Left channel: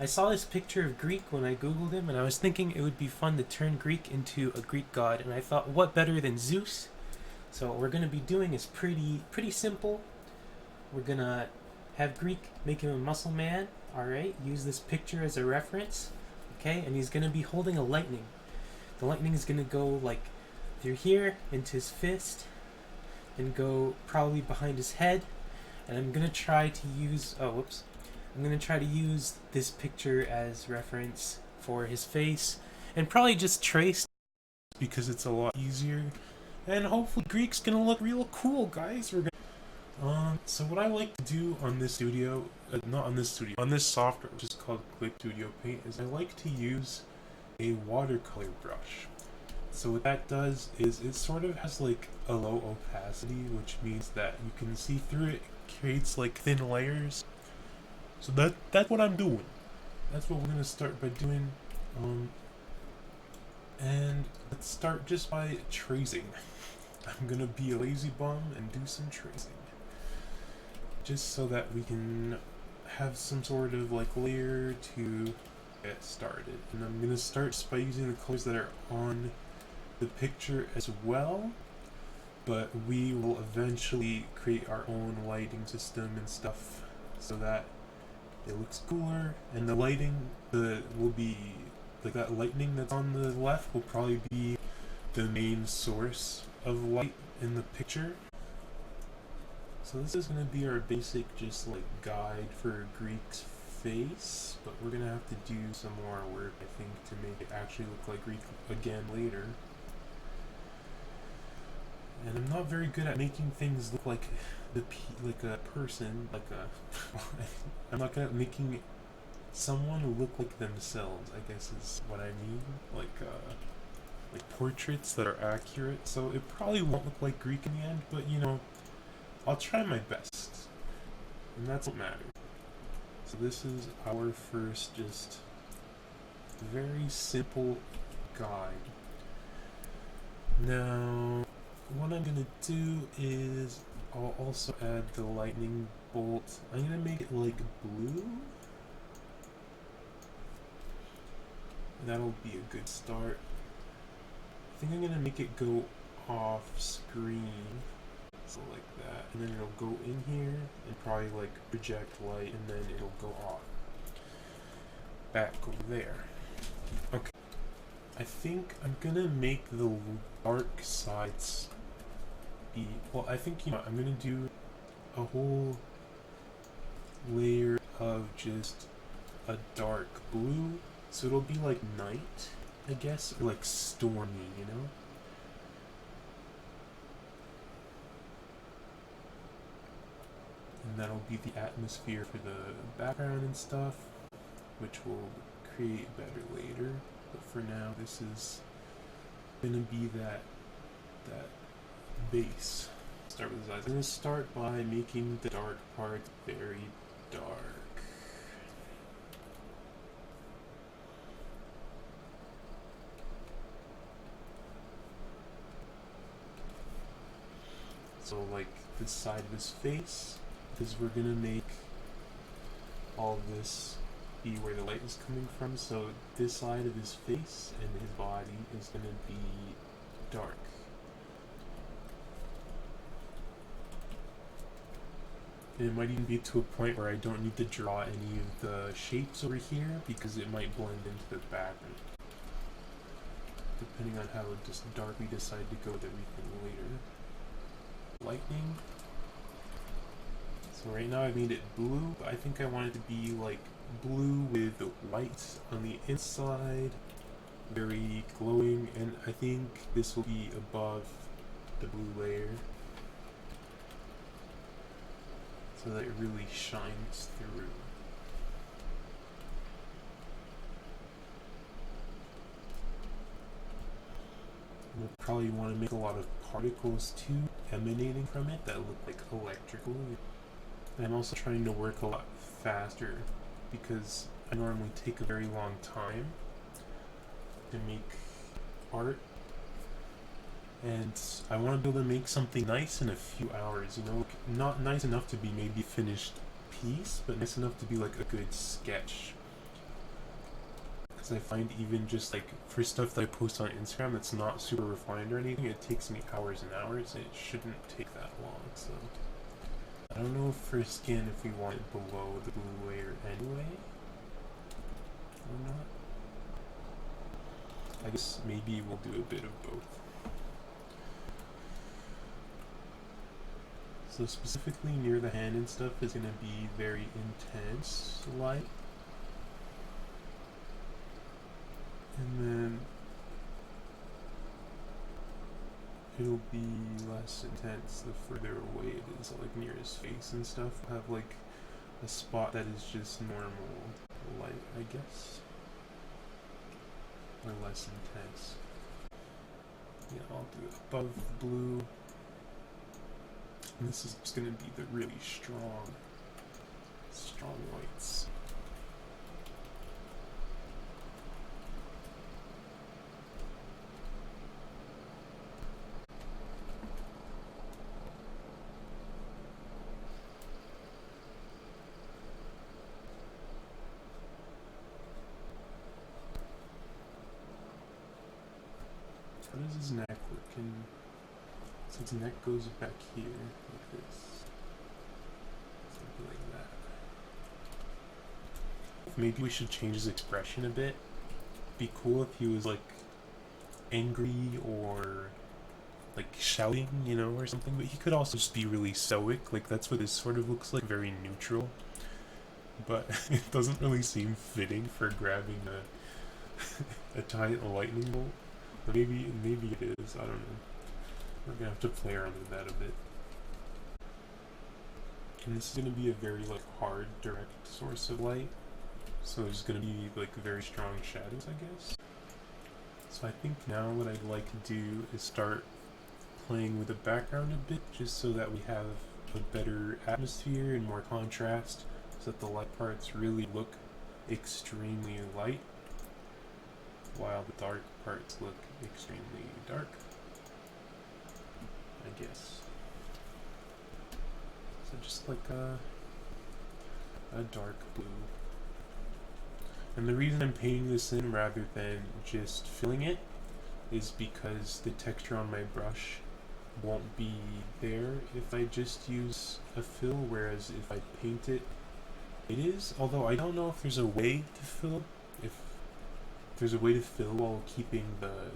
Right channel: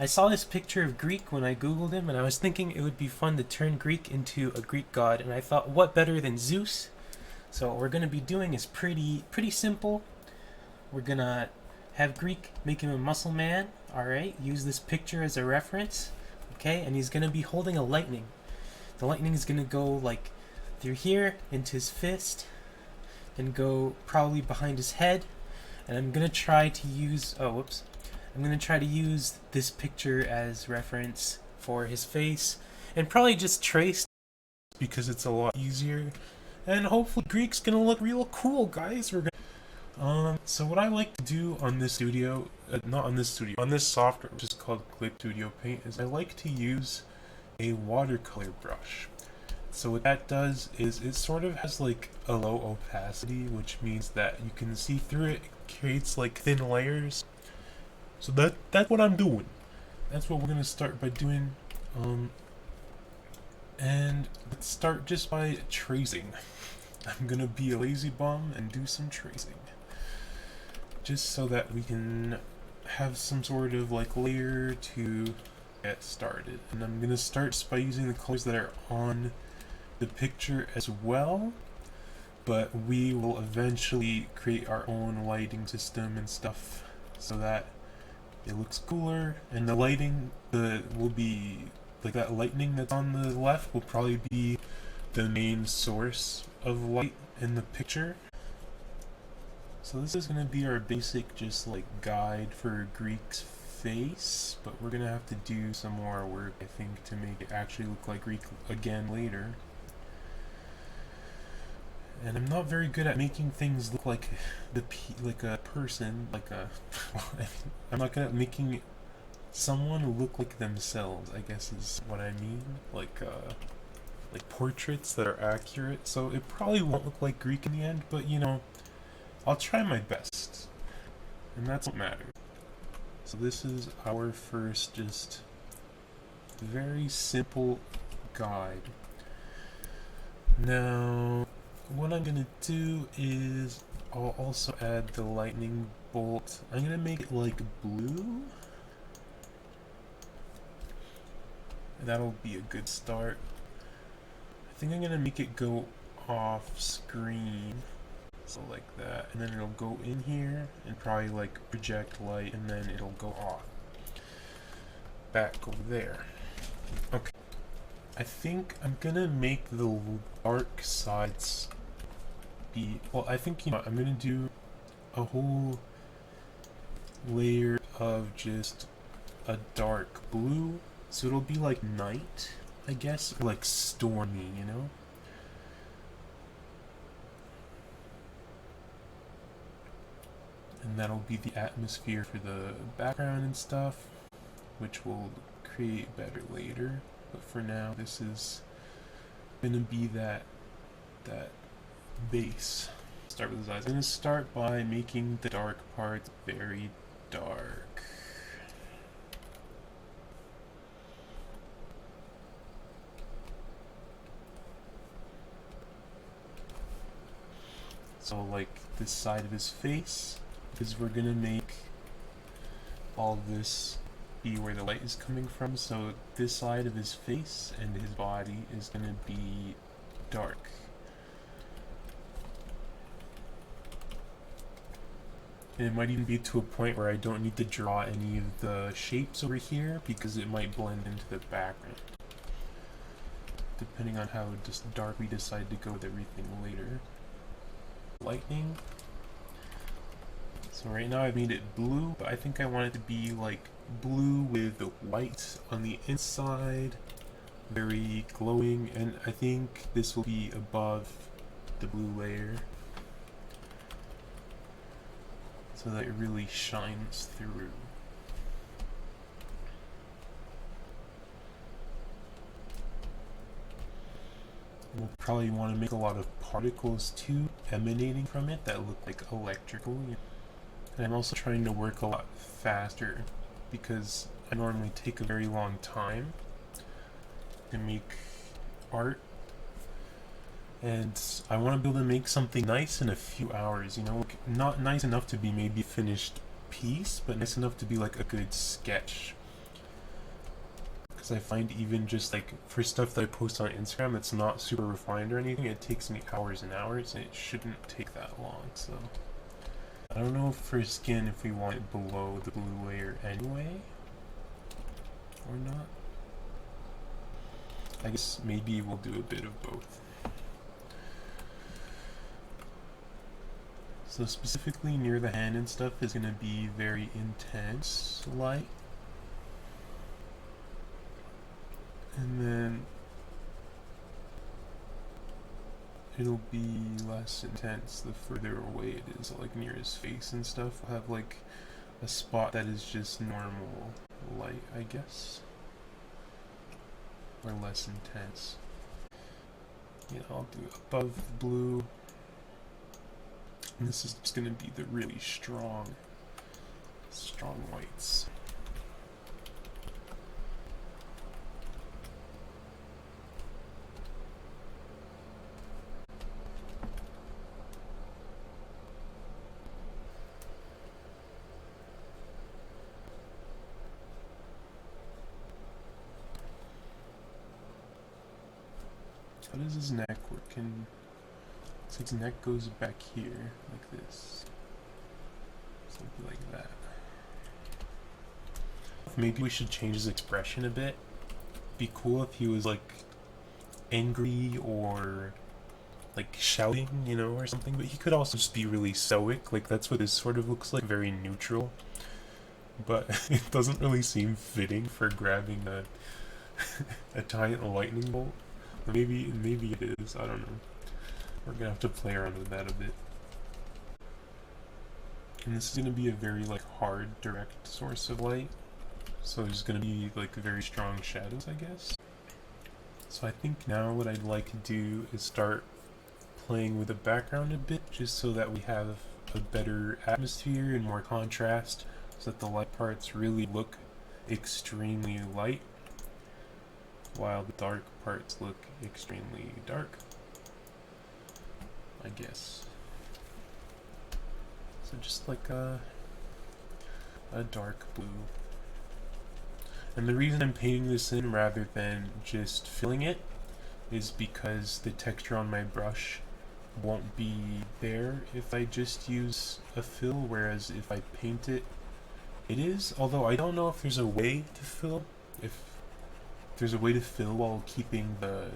I saw this picture of Greek when I googled him, and I was thinking it would be fun to turn Greek into a Greek god, and I thought, what better than Zeus? So what we're gonna be doing is pretty simple. We're gonna have Greek make him a muscle man. All right, use this picture as a reference. Okay, and he's gonna be holding a lightning. The lightning is gonna go like through here into his fist, and go probably behind his head. And I'm gonna try to use I'm gonna try to use this picture as reference for his face, and probably just trace because it's a lot easier. And hopefully Greek's gonna look real cool, guys. We're gonna so what I like to do on this studio, not on this studio, on this software, which is called Gweek Studio Paint, is I like to use a watercolor brush. So what that does is it sort of has like a low opacity, which means that you can see through it. It creates like thin layers. So that's what I'm doing. That's what we're gonna start by doing. And let's start just by tracing. I'm gonna be a lazy bum and do some tracing, just so that we can have some sort of like layer to get started. And I'm gonna start by using the colors that are on the picture as well, but we will eventually create our own lighting system and stuff so that it looks cooler. And the lighting will be like that lightning that's on the left will probably be the main source of light in the picture. So this is going to be our basic just like guide for Greek's face, but we're going to have to do some more work, I think, to make it actually look like Greek again later. And I'm not very good at making things look like like a person, like a I'm not good at making someone look like themselves, I guess is what I mean, like portraits that are accurate. So it probably won't look like Greek in the end, but you know, I'll try my best, and that's what matters. So this is our first just very simple guide. Now what I'm gonna do is I'll also add the lightning bolt. I'm gonna make it like blue. That'll be a good start. I think I'm gonna make it go off screen, so like that, and then it'll go in here and probably like project light, and then it'll go off back over there. Okay, I think I'm gonna make the dark sides be, well, I think, you know, I'm gonna do a whole layer of just a dark blue, so it'll be like night, I guess, or like stormy, you know? And that'll be the atmosphere for the background and stuff, which will create better later. But for now, this is gonna be that base. Start with his eyes. I'm gonna start by making the dark parts very dark. So like this side of his face, because we're gonna make all this be where the light is coming from. So this side of his face and his body is gonna be dark. And it might even be to a point where I don't need to draw any of the shapes over here because it might blend into the background, depending on how just dark we decide to go with everything later. Lightning. So right now I made it blue, but I think I want it to be like blue with white on the inside, very glowing, and I think this will be above the blue layer, so that it really shines through. We'll probably want to make a lot of particles too, emanating from it, that look like electrical. And I'm also trying to work a lot faster, because I normally take a very long time to make art, and I want to be able to make something nice in a few hours, you know, not nice enough to be maybe a finished piece, but nice enough to be like a good sketch. because I find even just like for stuff that I post on Instagram that's not super refined or anything, it takes me hours and hours, and it shouldn't take that long. So I don't know if for skin if we want it below the blue layer anyway or not. I guess maybe we'll do a bit of both. So specifically near the hand and stuff is going to be very intense light. And then it'll be less intense the further away it is, like near his face and stuff. I'll have like a spot that is just normal light, I guess. Or less intense. Yeah, I'll do above blue. And this is just going to be the really strong whites. How does his neck work? So his neck goes back here, like this. Something like that. Maybe we should change his expression a bit. Be cool if he was like angry or like shouting, you know, or something. But he could also just be really stoic. Like that's what this sort of looks like, very neutral. But it doesn't really seem fitting for grabbing a giant lightning bolt. Maybe it is, I don't know. We're gonna have to play around with that a bit. And this is gonna be a very like hard, direct source of light. So there's gonna be like very strong shadows, I guess. So I think now what I'd like to do is start playing with the background a bit, just so that we have a better atmosphere and more contrast, so that the light parts really look extremely light, while the dark parts look extremely dark, I guess. So just like a dark blue. And the reason I'm painting this in rather than just filling it is because the texture on my brush won't be there if I just use a fill, whereas if I paint it, it is. Although I don't know if there's a way to fill, if there's a way to fill while keeping the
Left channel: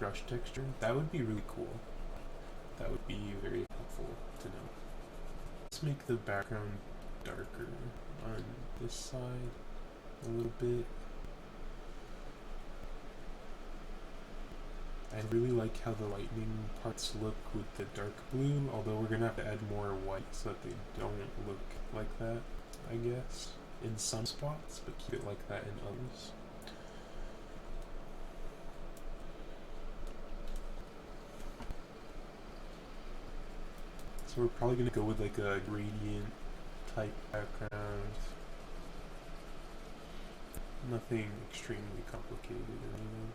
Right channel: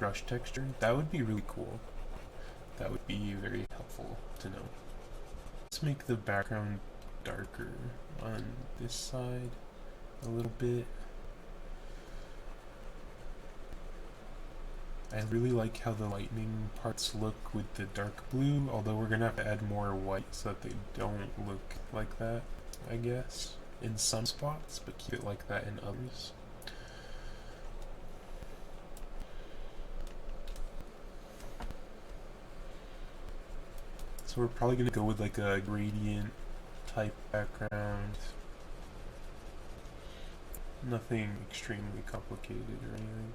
brush texture. That would be really cool. That would be very helpful to know. Let's make the background darker on this side a little bit. I really like how the lightning parts look with the dark blue, although we're gonna have to add more white so that they don't look like that, I guess, in some spots, but keep it like that in others. So we're probably gonna go with like a gradient type background. Nothing extremely complicated or anything.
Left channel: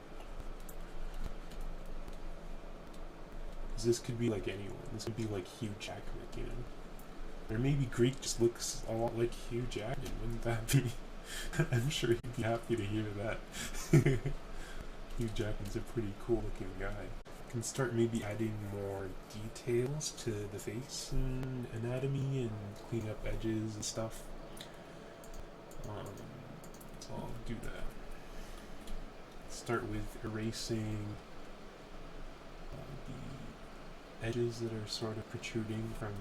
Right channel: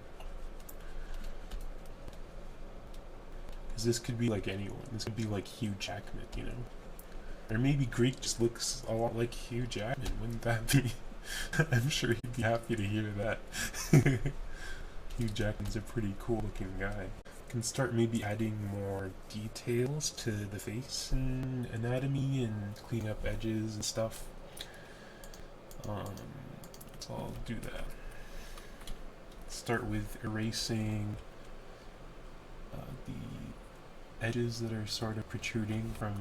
Because this could be like anyone. This could be like Hugh Jackman, you know? Or maybe Greek just looks a lot like Hugh Jackman. Wouldn't that be? I'm sure he'd be happy to hear that. Hugh Jackman's a pretty cool looking guy. Can start maybe adding more details to the face and anatomy and cleaning up edges and stuff. So I'll do that. Start with erasing the edges that are sort of protruding from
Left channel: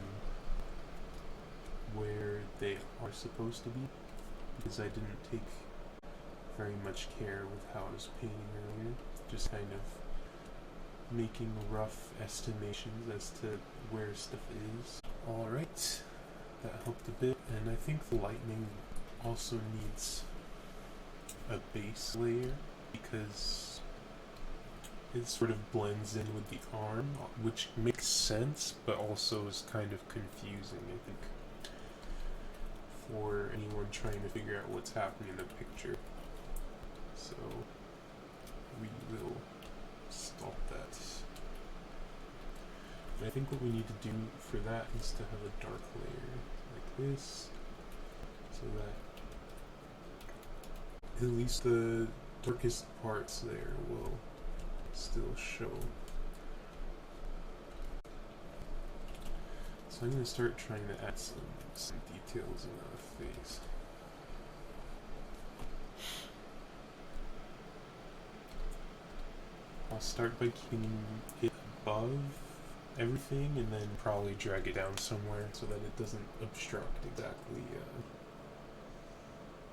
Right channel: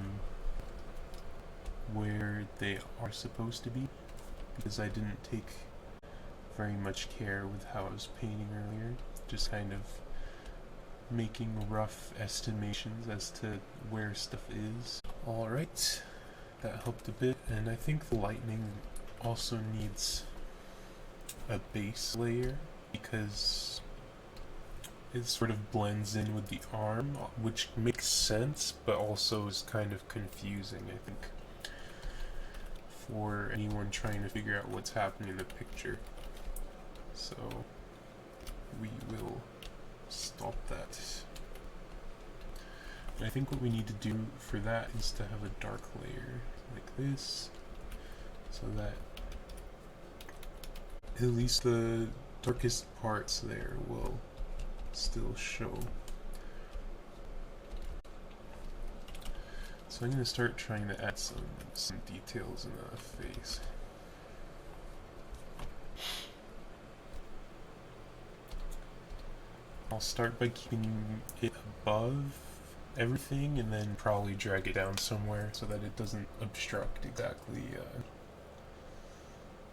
where they are supposed to be, because I didn't take very much care with how I was painting earlier. Just kind of making rough estimations as to where stuff is. Alright, that helped a bit, and I think the lightning also needs a base layer because it sort of blends in with the arm, which makes sense, but also is kind of confusing, I think, for anyone trying to figure out what's happening in the picture. So we will stop that. And I think what we need to do for that is to have a dark layer like this, so that at least the darkest parts there will still show. So I'm going to start trying to add some details in the face. I'll start by keeping it above everything and then probably drag it down somewhere so that it doesn't obstruct exactly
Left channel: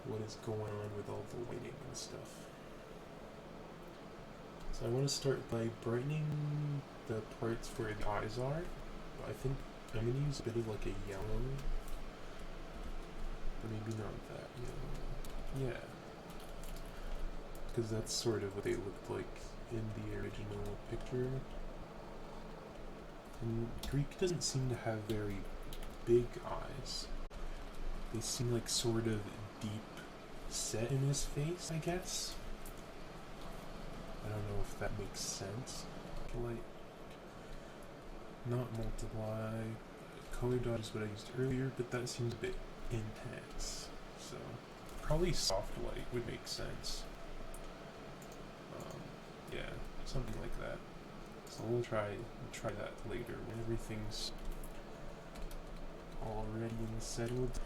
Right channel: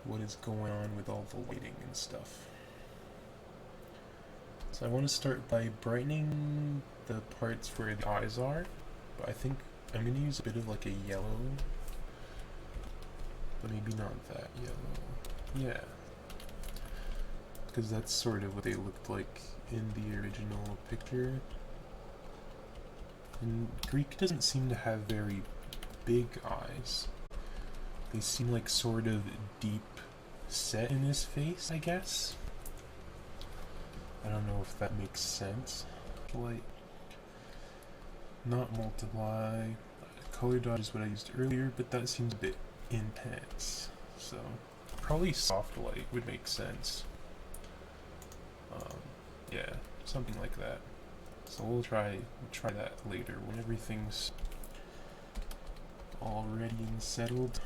what is going on with all the lighting and stuff. So I want to start by brightening the parts where the eyes are, but I think I'm going to use a bit of like a yellow, but maybe not that yellow. Yeah, because that's sort of what they looked like in the original picture. And Greek doesn't seem to have very big eyes. They seem like sort of deep set in his face, I guess. I don't know if that makes sense. Light, not multiply. Color dodge is what I used earlier, but that seems a bit intense. So probably soft light would make sense. Yeah, something like that. So we'll try that later when everything's all ready and settled.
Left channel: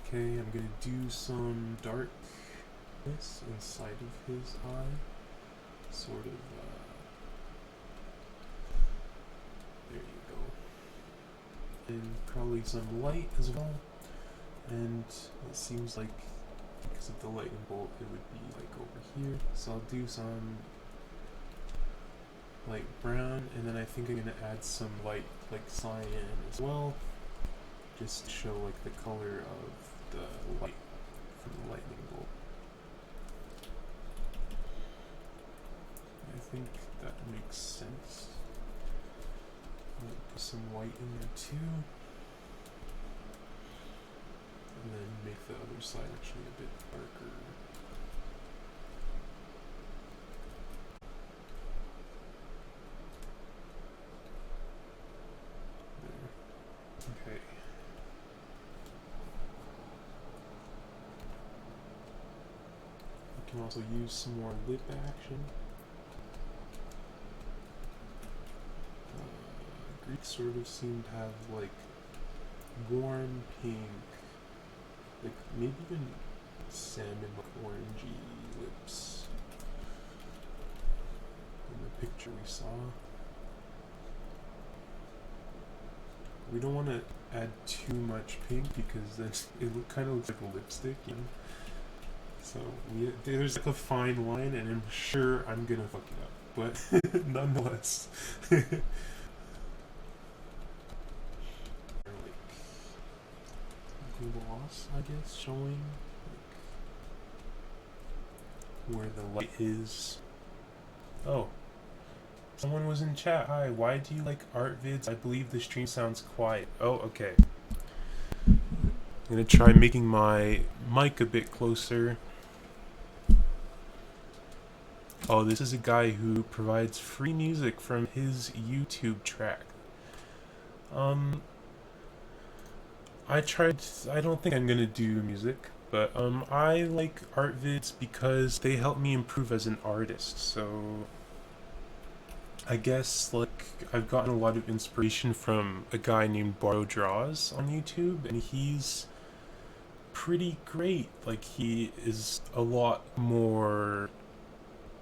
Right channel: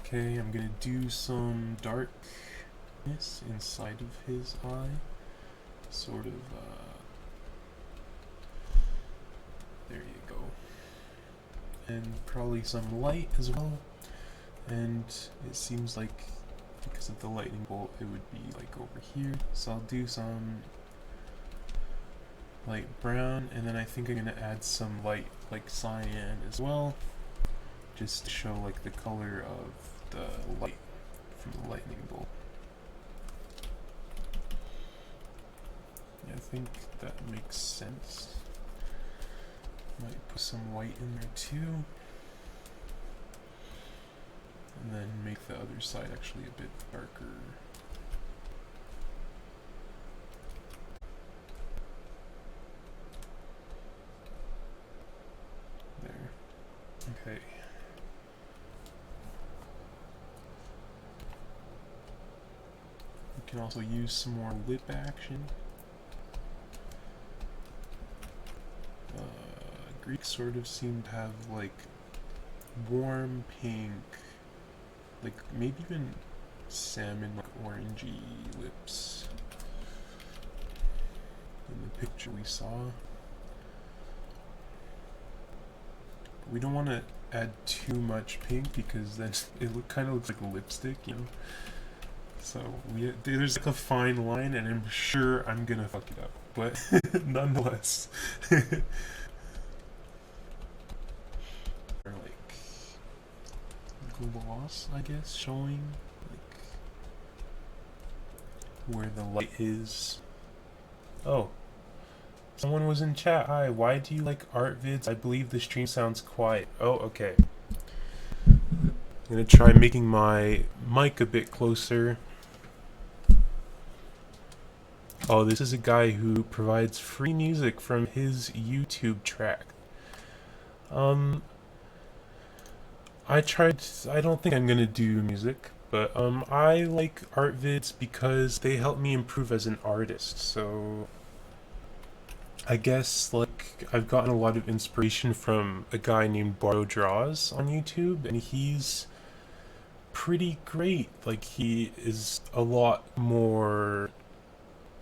Okay, I'm gonna do some darkness inside of his eye. Sort of, there you go. And probably some light as well. And it seems like because of the lightning bolt, it would be like over here. So I'll do some light brown, and then I think I'm gonna add some light like cyan as well, just to show like the color of the light from the lightning bolt. I think that makes sense. Might put some white in there too. And then make the other side actually a bit darker. There. Okay. We can also use some more lip action. Greek sort of seem to have like warm pink, like maybe even salmon, like orangey lips in the picture we saw. We don't want to add too much pink because then it kind of looks like a lipstick, you know. So there's like a fine line, and I'm sure I'm gonna fuck it up, but nonetheless. Gloss, I guess, showing like where the light is. Oh, someone was in chat. Hi, why do you like art vids? I believe the stream sounds quiet. Oh, okay. I'm gonna try making my mic a bit closer. Oh, this is a guy who provides free music from his YouTube track. I don't think I'm gonna do music, but I like art vids because they help me improve as an artist. So I guess like I've gotten a lot of inspiration from a guy named PeterDraws on YouTube, and he's pretty great. Like he's a lot more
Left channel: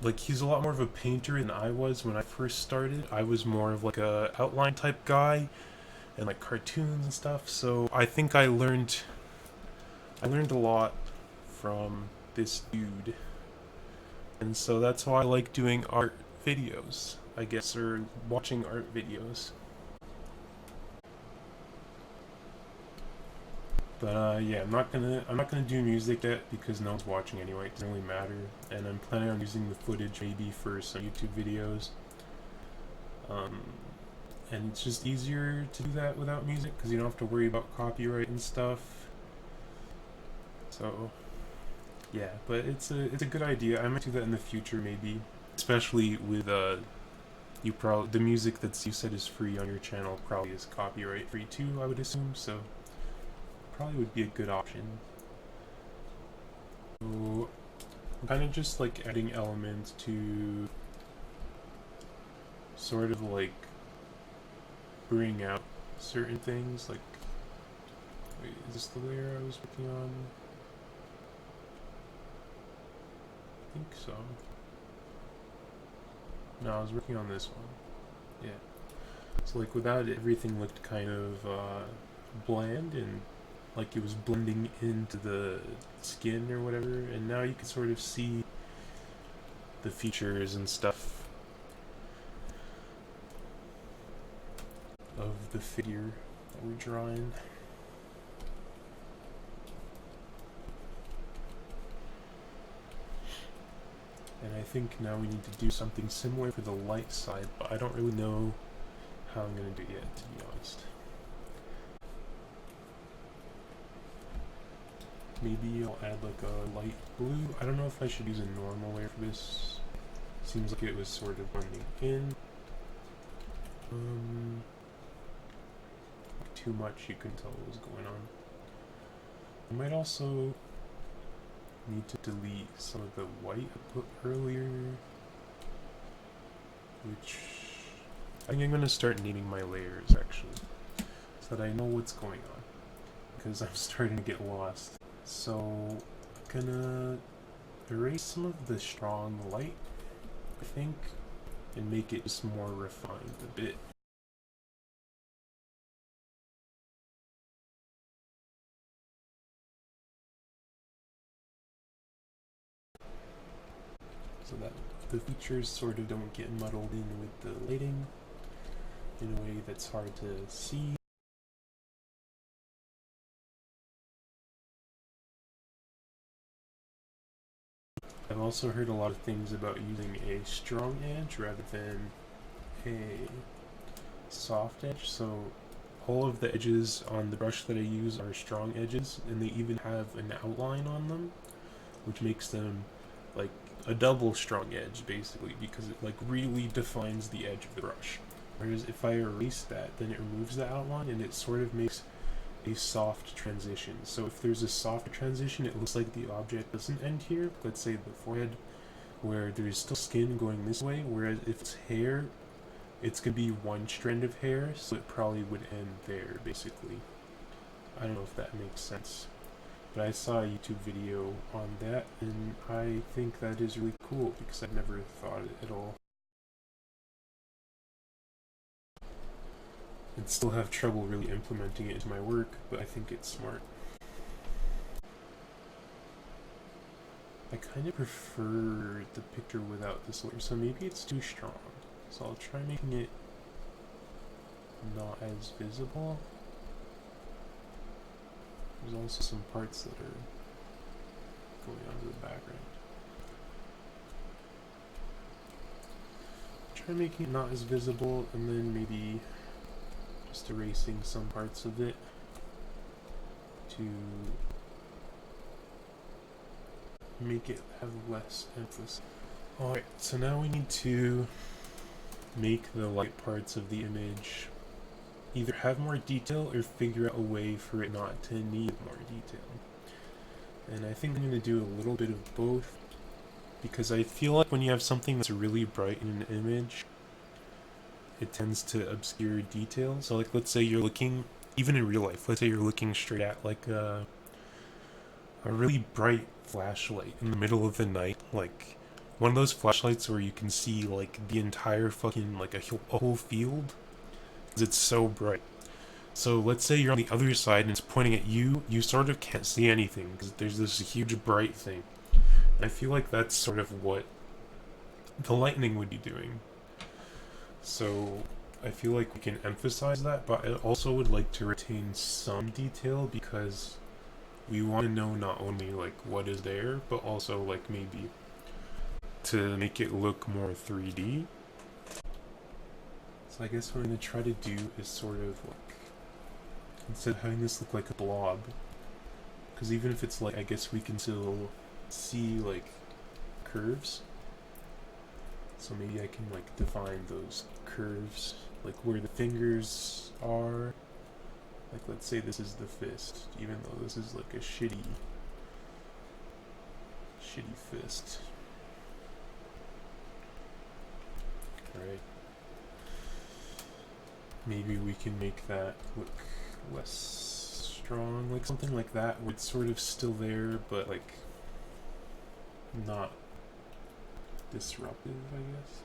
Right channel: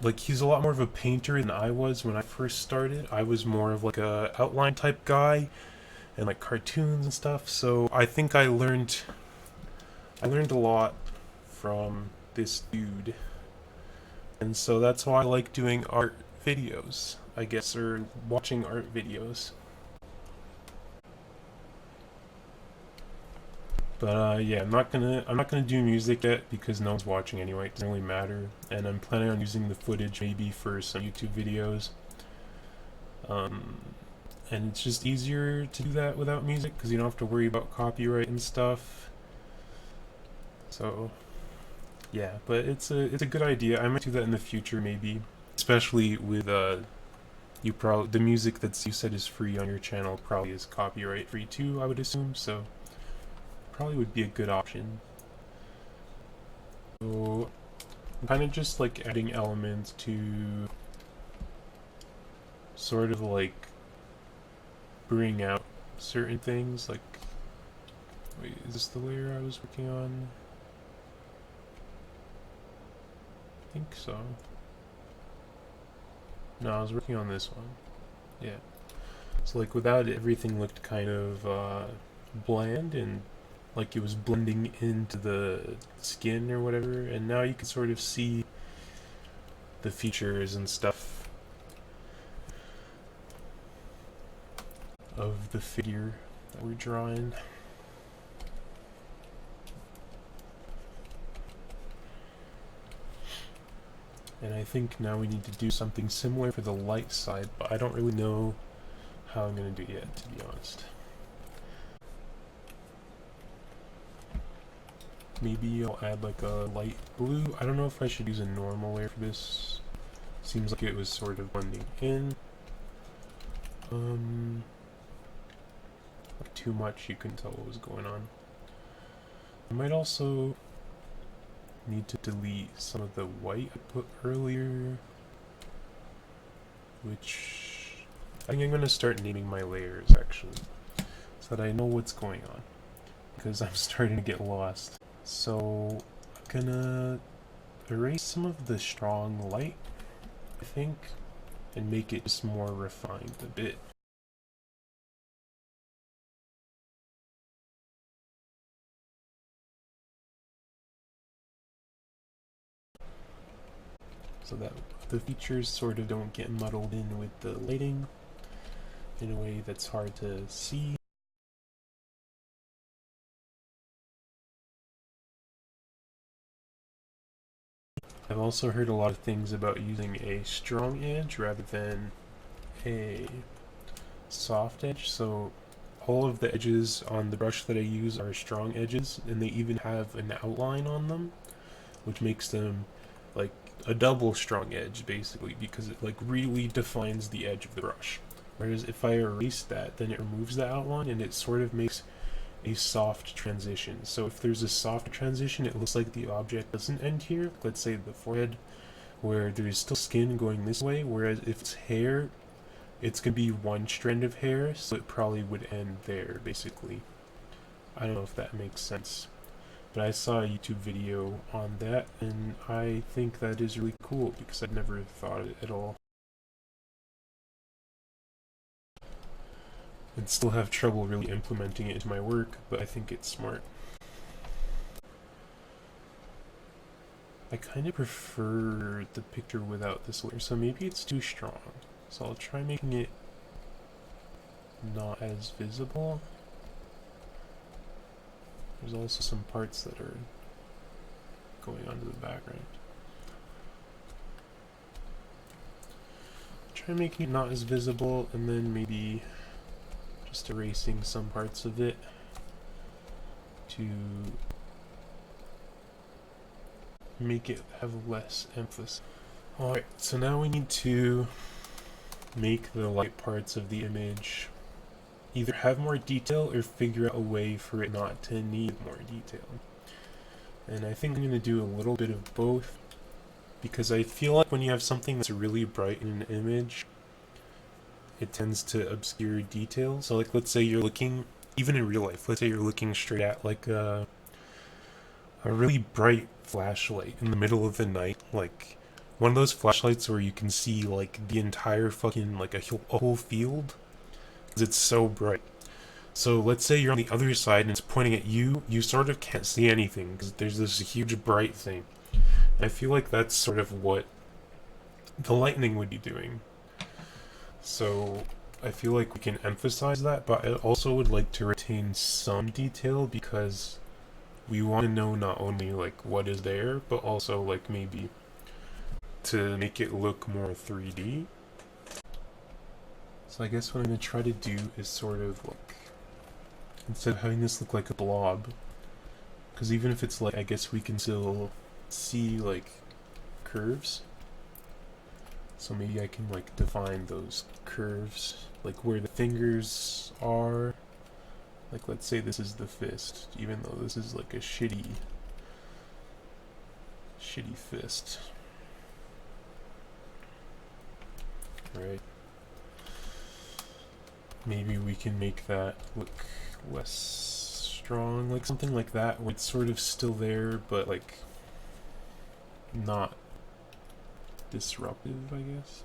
of a painter than I was when I first started. I was more of like a outline type guy and like cartoons and stuff. So I think I learned a lot from this dude. And so that's why I like doing art videos, I guess, or watching art videos. But yeah, I'm not gonna do music yet because no one's watching anyway. It doesn't really matter. And I'm planning on using the footage maybe for some YouTube videos. And it's just easier to do that without music because you don't have to worry about copyright and stuff. So yeah, but it's a good idea. I might do that in the future maybe, especially with the music that you said is free on your channel probably is copyright free too, I would assume. So probably would be a good option. So I'm kind of just like adding elements to sort of like bring out certain things. Like, wait, is this the layer I was working on? I think so. No, I was working on this one. Yeah. So like without it, everything looked kind of bland and like it was blending into the skin or whatever, and now you can sort of see the features and stuff of the figure that we're drawing. And I think now we need to do something similar for the light side, but I don't really know how I'm going to do it yet, to be honest. Maybe I'll add like a light blue. I don't know if I should use a normal layer for this. Seems like it was sort of blending in. Too much, you couldn't tell what was going on. I might also need to delete some of the white I put earlier, which I think I'm going to start naming my layers actually, so that I know what's going on, because I'm starting to get lost. So I'm gonna erase some of the strong light, I think, and make it just more refined a bit. So that the features sort of don't get muddled in with the lighting in a way that's hard to see. I've also heard a lot of things about using a strong edge rather than a soft edge, so all of the edges on the brush that I use are strong edges, and they even have an outline on them, which makes them like a double strong edge basically, because it like really defines the edge of the brush. Whereas if I erase that, then it removes the outline and it sort of makes a soft transition. So if there's a soft transition, it looks like the object doesn't end here. Let's say the forehead, where there's still skin going this way, whereas if it's hair, it's gonna be one strand of hair, so it probably would end there, basically. I don't know if that makes sense, but I saw a YouTube video on that, and I think that is really cool, because I've never thought of it at all. And still have trouble really implementing it into my work, but I think it's smart. I kind of prefer the picture without this layer, so maybe it's too strong. So I'll try making it not as visible. There's also some parts that are going onto the background. Try making it not as visible, and then maybe just erasing some parts of it to make it have less emphasis. Alright, so now we need to make the light parts of the image either have more detail or figure out a way for it not to need more detail. And I think I'm going to do a little bit of both, because I feel like when you have something that's really bright in an image, it tends to obscure details. So like, let's say you're looking, even in real life, let's say you're looking straight at like a really bright flashlight in the middle of the night, like one of those flashlights where you can see like the entire fucking like a whole field, because it's so bright. So let's say you're on the other side and it's pointing at you, you sort of can't see anything because there's this huge bright thing. And I feel like that's sort of what the lightning would be doing. So I feel like we can emphasize that, but I also would like to retain some detail, because we want to know not only like what is there, but also like maybe to make it look more 3D. So I guess what I'm going to try to do is sort of like, instead of having this look like a blob, because even if it's like, I guess we can still see like curves. So maybe I can like define those curves, like where the fingers are. Like let's say this is the fist, even though this is like a shitty shitty fist. Right. Maybe we can make that look less strong, like something like that, where it's sort of still there, but like not disruptive, I guess.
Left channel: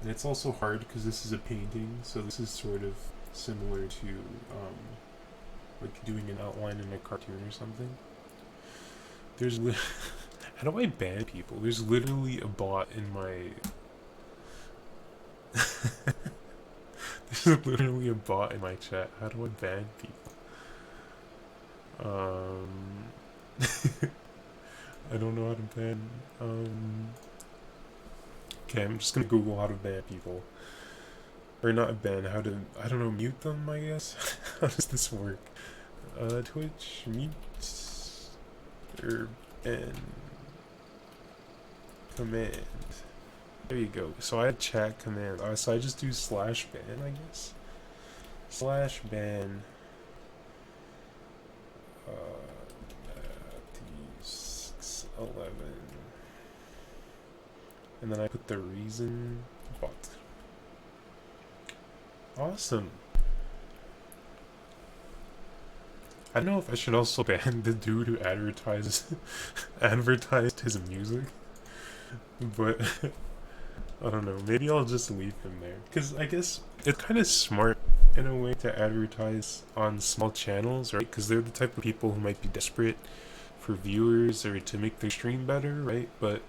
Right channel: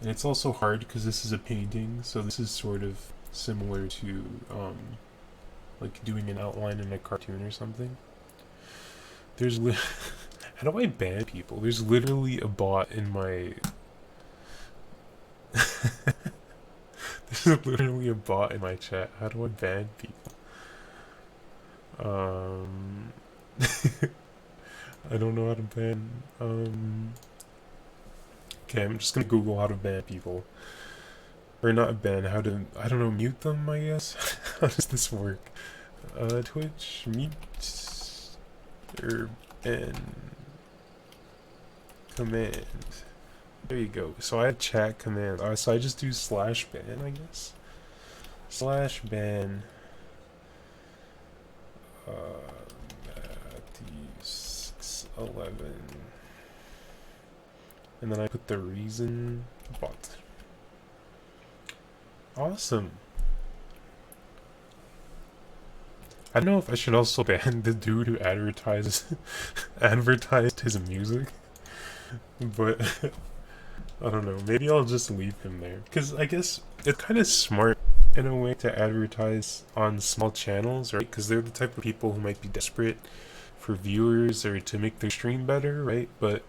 And it's also hard because this is a painting, so this is sort of similar to like doing an outline in a cartoon or something. There's how do I ban people? There's literally a bot in my there's literally a bot in my chat. How do I ban people? I don't know how to ban. Okay, I'm just gonna Google how to ban people. Or not ban, how to, I don't know, mute them, I guess? How does this work? Twitch, mute, or ban, command. There you go. So I have chat command. So I just do /ban, I guess? /ban, Matthew611. And then I put the reason bot. Awesome. I don't know if I should also ban the dude who advertised his music, but I don't know. Maybe I'll just leave him there because I guess it's kind of smart in a way to advertise on small channels, right? Because they're the type of people who might be desperate for viewers or to make their stream better, right? But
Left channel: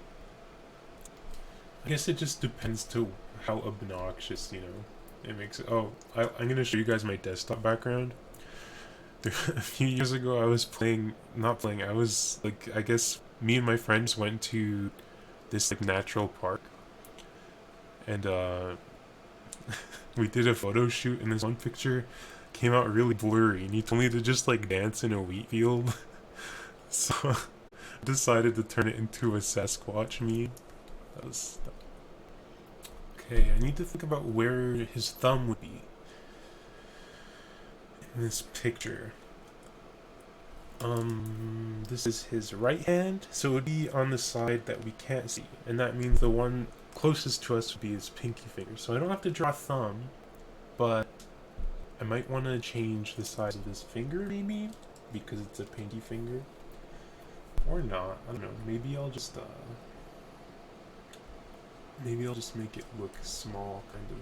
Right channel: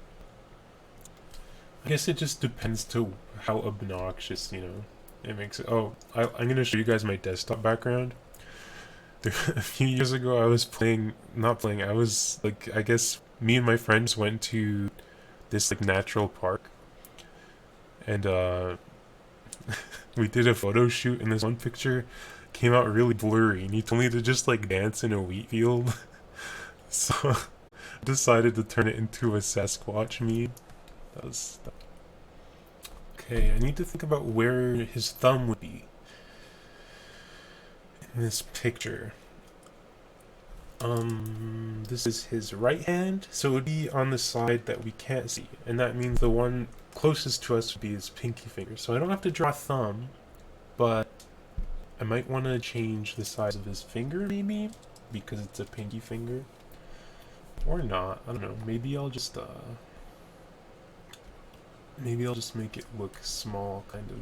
I guess it just depends to how obnoxious, you know, it makes it. Oh, I'm gonna show you guys my desktop background. A few years ago, I was I was like, I guess me and my friends went to this like natural park, and we did a photo shoot, and this one picture came out really blurry, and he told me to just like dance in a wheat field. So I decided to turn it into a Sasquatch meme. That was okay. I need to think about where his thumb would be in this picture. This is his right hand, so it would be on the side that we can't see, and that means the one closest to us would be his pinky finger. So I don't have to draw a thumb, but I might want to change the size of his finger, maybe, because it's a pinky finger. Or not, I don't know, maybe I'll just make it look small, kind of.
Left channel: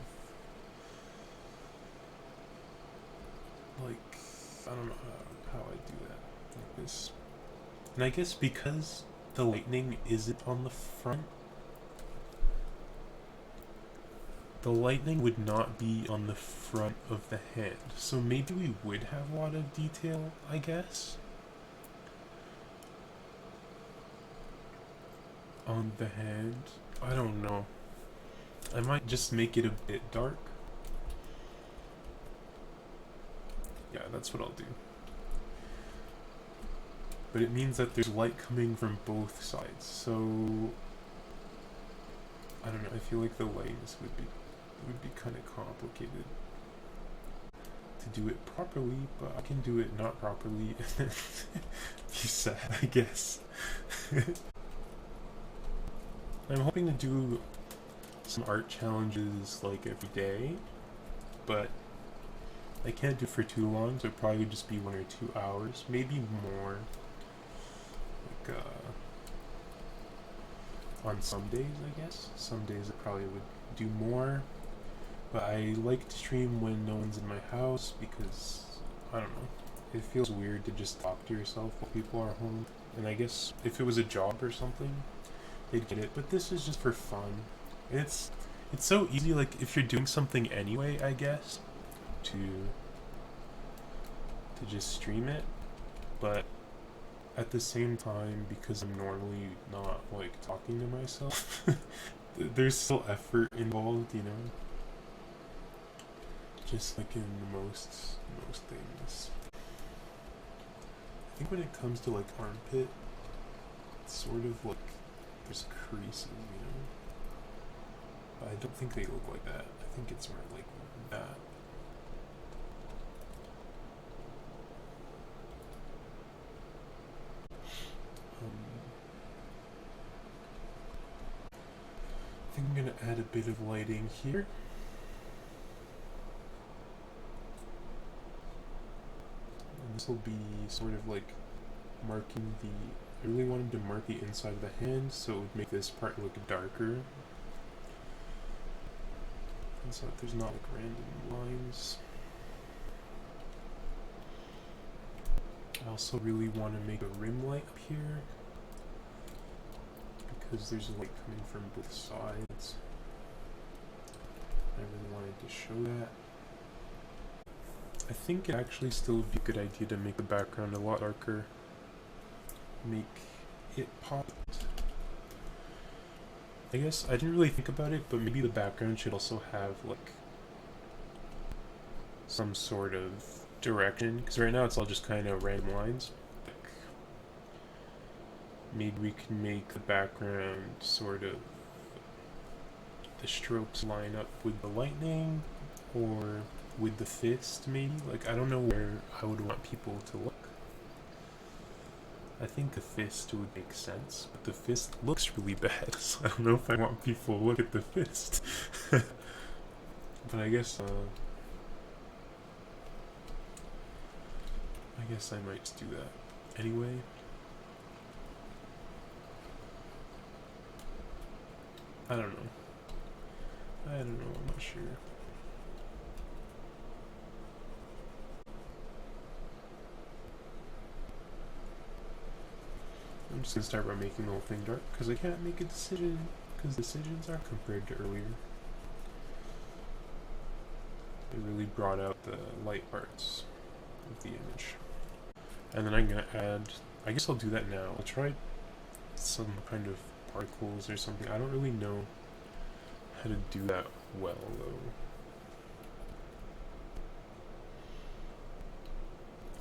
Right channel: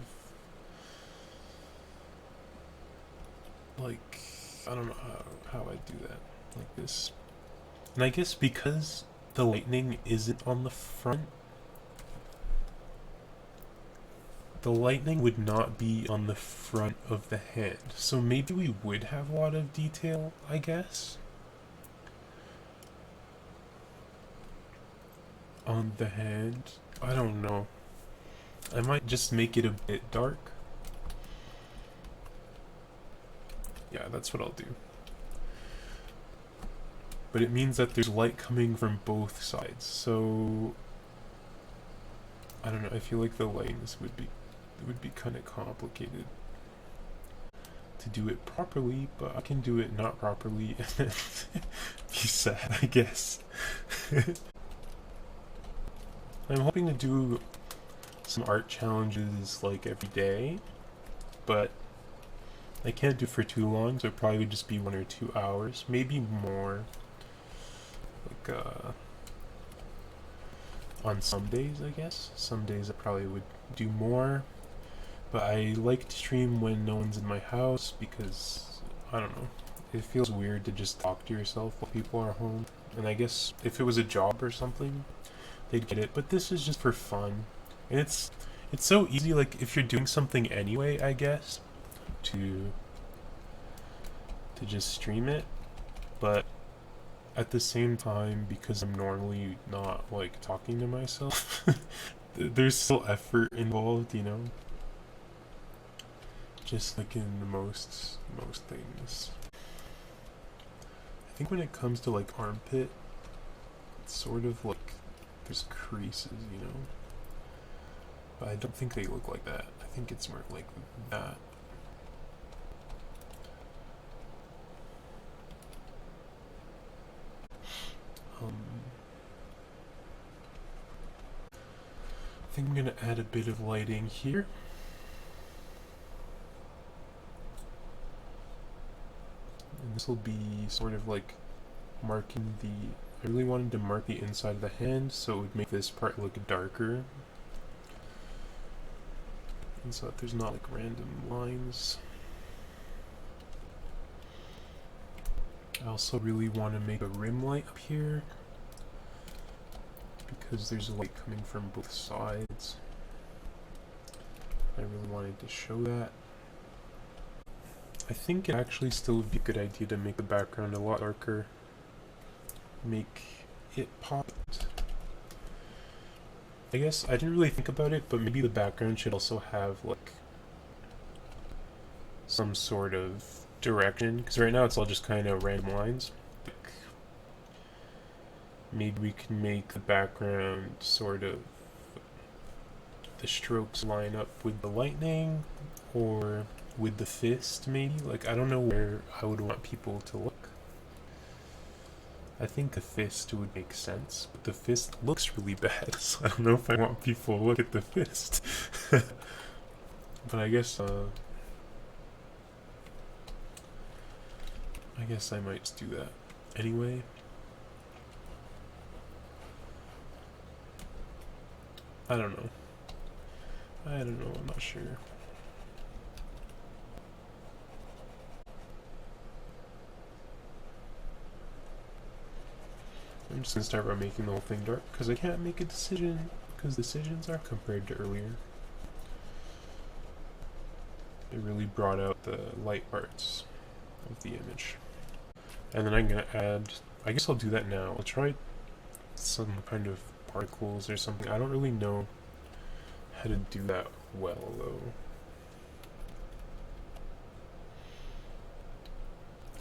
Like, I don't know how I do that. Like this. And I guess because the lightning isn't on the front, the lightning would not be on the front of the hand. So maybe we would have a lot of detail, I guess. On the hand. I don't know. I might just make it a bit dark. Yeah, that's what I'll do. But it means that there's light coming from both sides, so I don't know, I feel like the lines would be kind of complicated to do it properly, but I can do it not properly and be sad, I guess. I'm hoping to do some art challenges like every day, but I can't do it for too long, so it probably would just be 1 or 2 hours, maybe more. Like, on some days, I guess. Some days I probably would do more, but I like to stream when no one's in my house because, I don't know, it feels weird to just talk to yourself while people are home. And I guess if it was a job or something, they'd get it, but this is just for fun. And it's so easy, like, if you're doing something anyway, I guess, to just stream it, but at the same time, because I'm normally not, like, talking to myself, there's still effort involved, you know? Just like in most things. I think when it comes to, like, armpit, it's sort of like there's creases, you know? But I don't think they look like that. I think it's more like that. I think I'm gonna add a bit of lighting here. And this will be sort of like marking the, I really wanted to mark the inside of the hand so it would make this part look darker. And so that there's not like random lines. I also really want to make a rim light up here because there's light coming from both sides. I really wanted to show that. I think it actually still would be a good idea to make the background a lot darker. Make it pop. I guess I didn't really think about it, but maybe the background should also have like some sort of direction, because right now it's all just kind of random lines. Maybe we can make the background sort of the strokes line up with the lightning or with the fist, maybe. Like, I don't know where I would want people to look. I think the fist would make sense, but the fist looks really bad, so I don't know if I want people to look at the fist. But I guess I might just do that anyway. I don't know, I'm not sure. I'm just gonna start by making the whole thing dark, because I can't make a decision, because decisions are compared to earlier. It really brought out the light parts of the image. And then I'm gonna add, I guess I'll do that now. I'll try some kind of particles or something. I don't really know how to do that well though.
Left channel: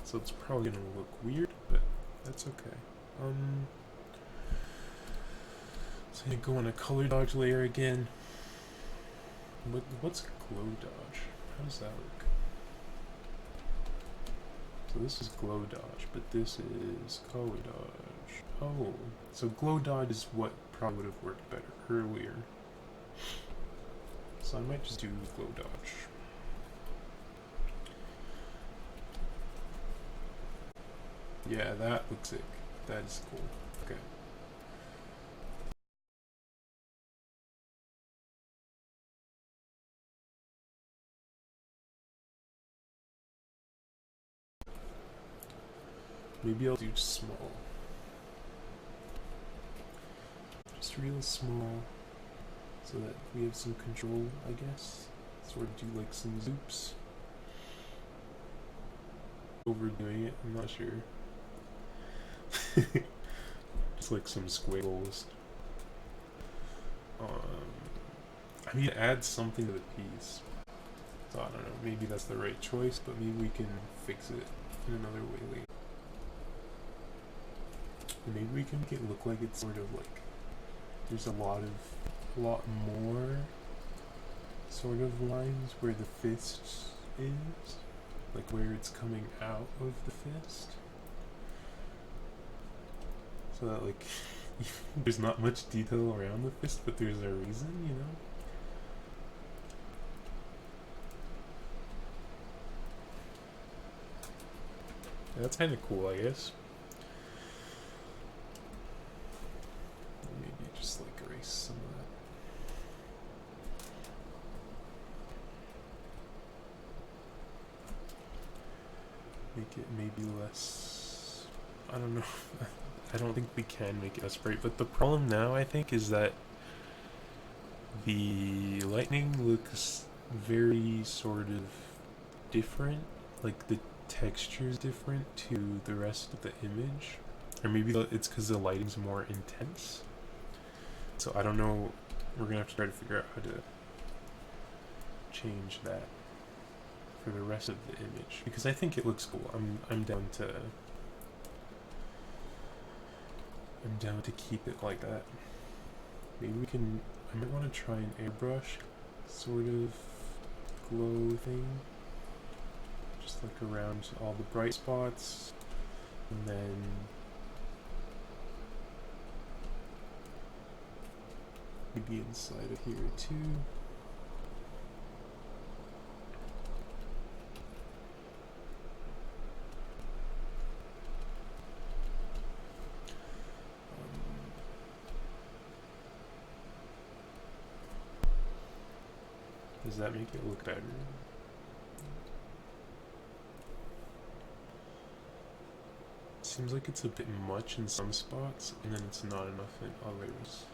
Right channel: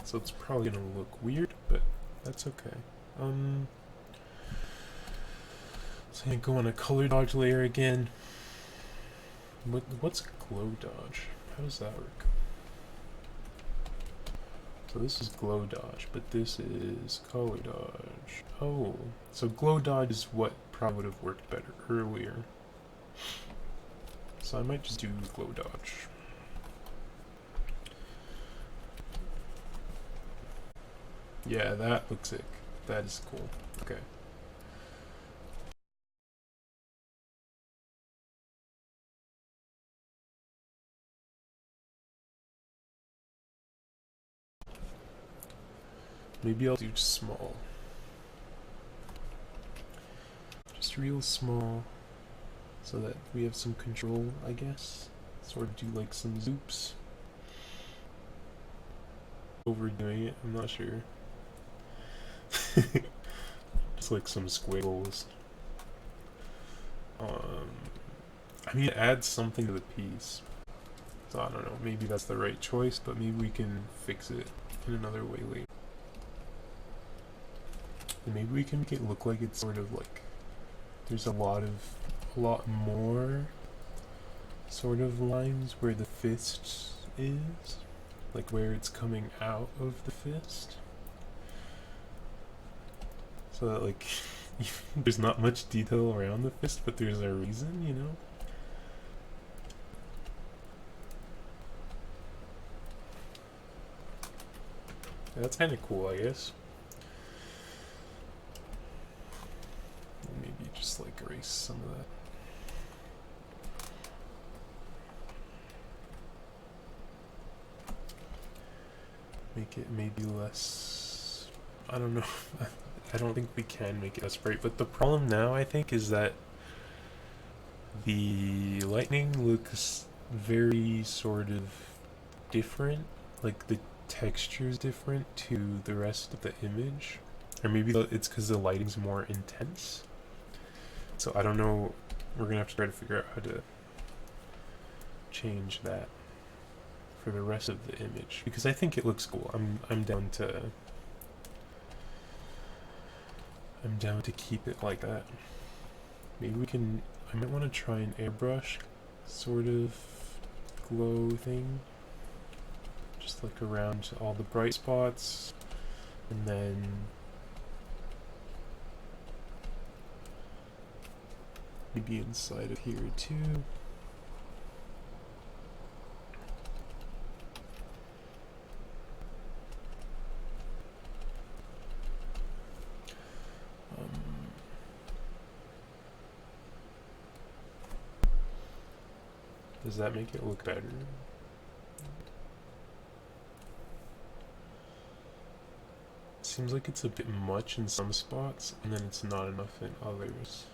So it's probably gonna look weird, but that's okay. So I'm gonna go on a color dodge layer again. What's glow dodge? How does that work? So this is glow dodge, but this is color dodge. Oh, so glow dodge is what probably would have worked better earlier. So I might just do glow dodge. Yeah, that looks sick. That is cool. Okay. Maybe I'll do small. Just real small, so that we have some control, I guess. Sort of do like some zoops. Overdoing it, I'm not sure. Just like some squiggles. I mean, it adds something to the piece. So I don't know, maybe that's the right choice, but maybe we can fix it in another way later. And maybe we can make it look like it's sort of like there's a lot more sort of lines where the fist is, like where it's coming out of the fist, so that like there's not much detail around the fist, but there's a reason, you know? Yeah, that's kind of cool, I guess. Maybe just like erase some of that. Make it maybe less, I don't know. I don't think we can make it less bright, but the problem now I think is that the lightning looks very sort of different, like the texture is different to the rest of the image, or maybe it's because the lighting's more intense. So I don't know, we're gonna have to try to figure out how to change that for the rest of the image, because I think it looks cool. I'm down to keep it like that. Maybe we can, I might want to try an airbrush sort of glow thing, just like around all the bright spots, and then maybe inside of here too. Does that make it look better? Seems like it's a bit much in some spots, and then it's not enough in others.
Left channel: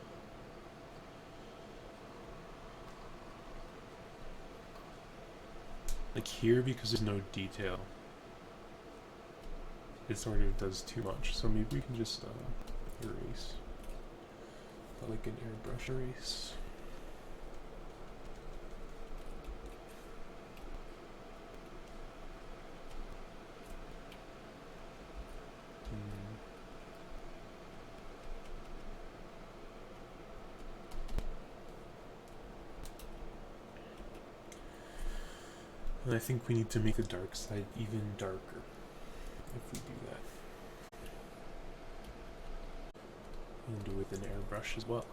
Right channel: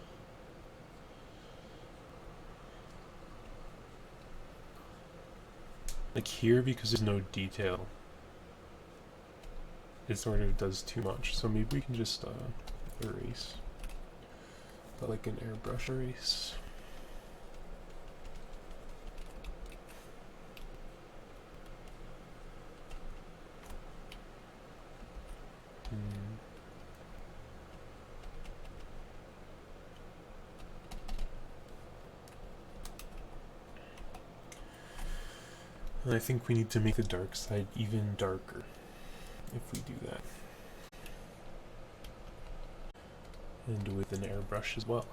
Like here, because there's no detail, it sort of does too much. So maybe we can just erase, but like an airbrush erase. And I think we need to make the dark side even darker if we do that. And with an airbrush as well.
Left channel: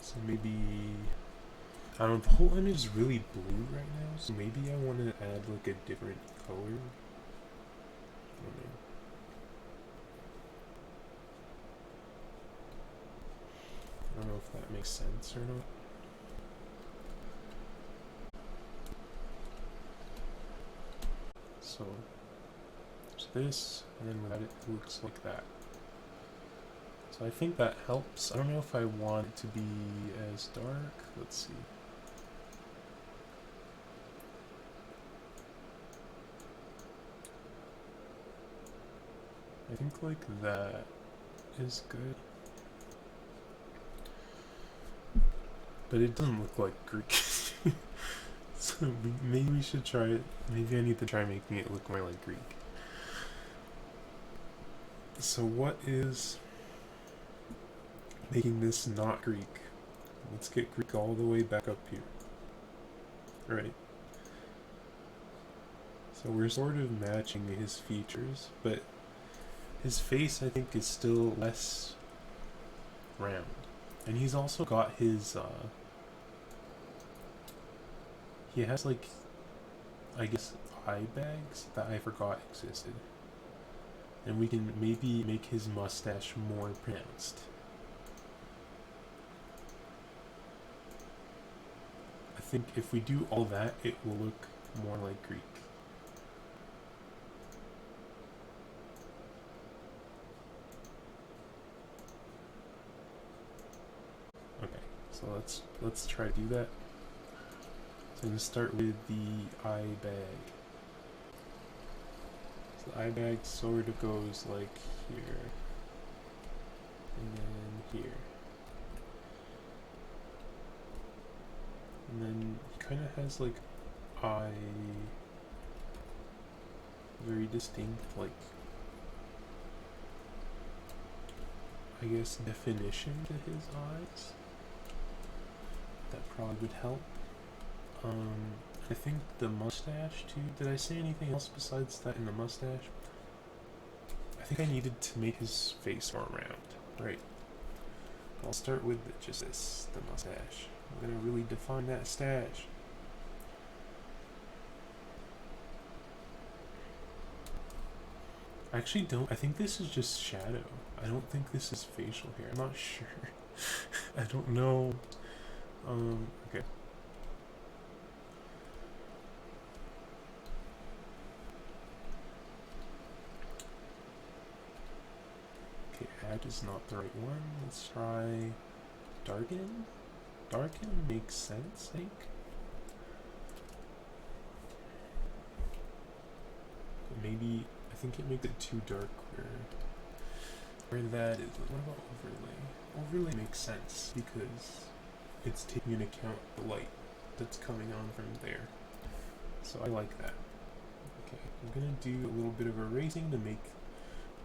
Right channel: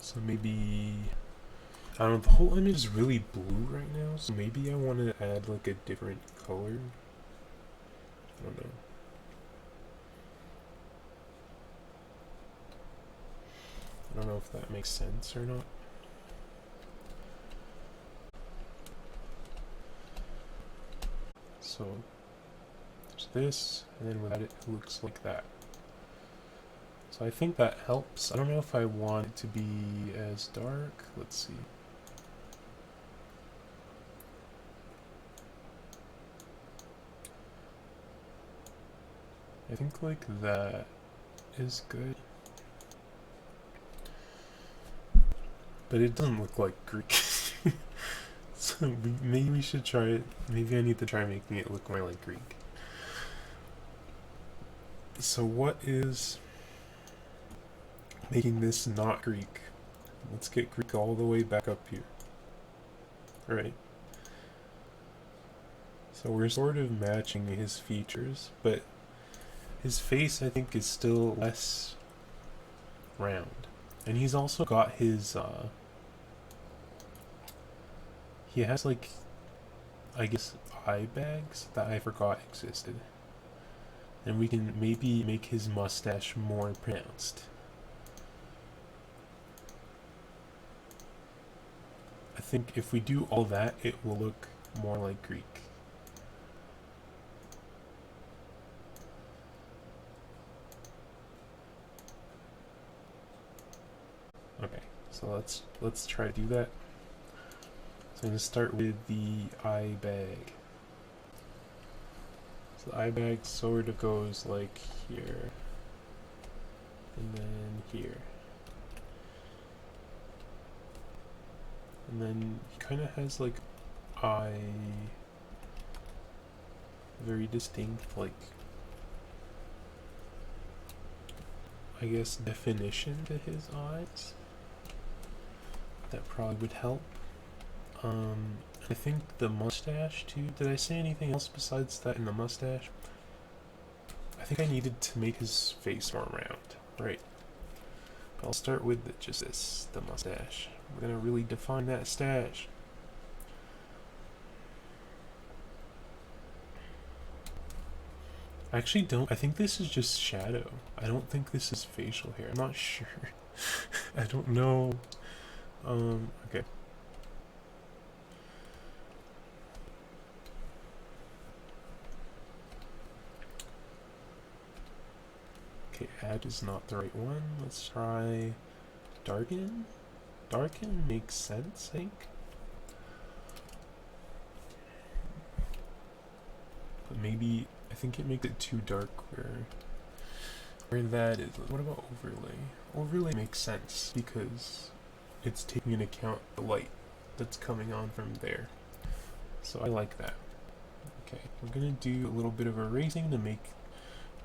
So maybe, I don't know, the whole image is really blue right now, so maybe I want to add like a different color. I don't know. I don't know if that makes sense or not. So there's this, and then without it, it looks like that. So I think that helps. I don't know if I want it to be as dark. Let's see. I think like that is good. But it doesn't look like Greek. So maybe we should try it. Maybe I need to try making it look more like Greek. So what is making this not Greek? Let's get Greek all the way back up here. Right. So we're sort of matching his features, but his face, I think, is still less round. And he's also got his, he has, like, I guess, eye bags that I forgot existed. And we can maybe make his mustache more pronounced. I think if we do all that, it will look more like Greek. Okay, so let's try to do that. So I'm gonna start with the eye bag. So the eye bag sort of goes like here, and then here, and then he kind of has like eye, very distinct, like, I guess, definition to his eyes. That probably would help. I think the mustache too. Did I say anything else besides that in the mustache? I think I needed to make his face more round, right? I'll start with just this, the mustache. We're gonna really define that stash. I actually don't. I think this is just shadow. I don't think this is facial hair. I'm not sure. I don't know. Okay. Okay, add is not the right one. Let's try darken. Darken makes sense, I think. But maybe, I think it makes it too dark where that is. What about overlay? Overlay makes sense because it's taking into account the light that's coming on from there. So I like that. Okay, I'm gonna do a little bit of erasing to make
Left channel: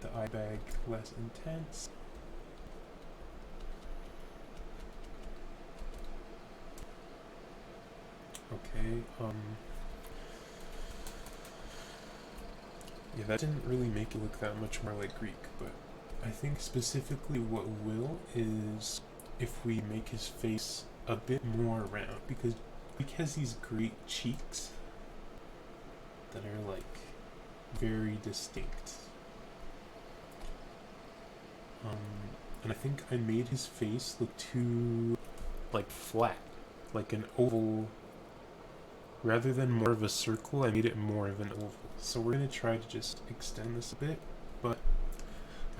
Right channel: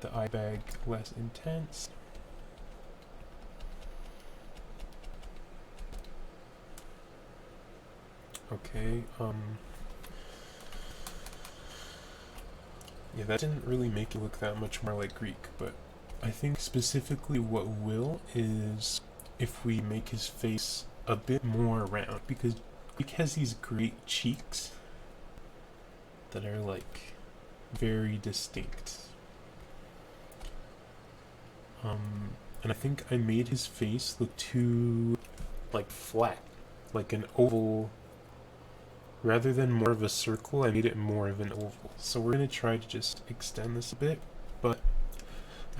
the eye bag less intense. Okay, Yeah, that didn't really make it look that much more like Greek, but I think specifically what will is if we make his face a bit more round, because Greek has these great cheeks that are like very distinct. And I think I made his face look too like flat, like an oval. Rather than more of a circle, I made it more of an oval. So we're gonna try to just extend this a bit, but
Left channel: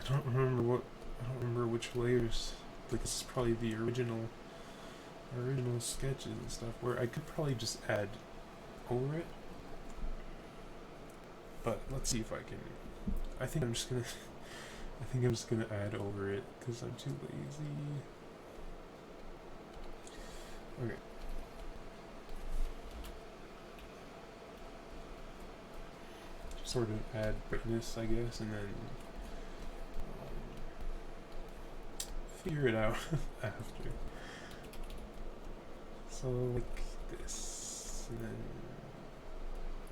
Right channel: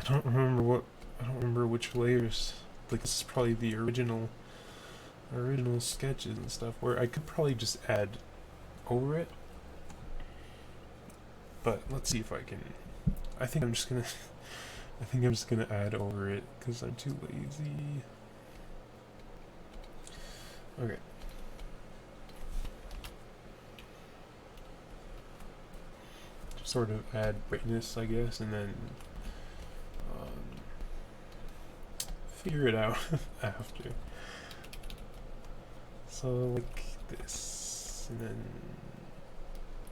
I don't remember which layers. Like this is probably the original sketches and stuff where I could probably just add over it. But let's see if I can. I think I'm just gonna add over it because I'm too lazy. Okay. Just sort of add brightness, I guess, and then figure it out after. So like this, and then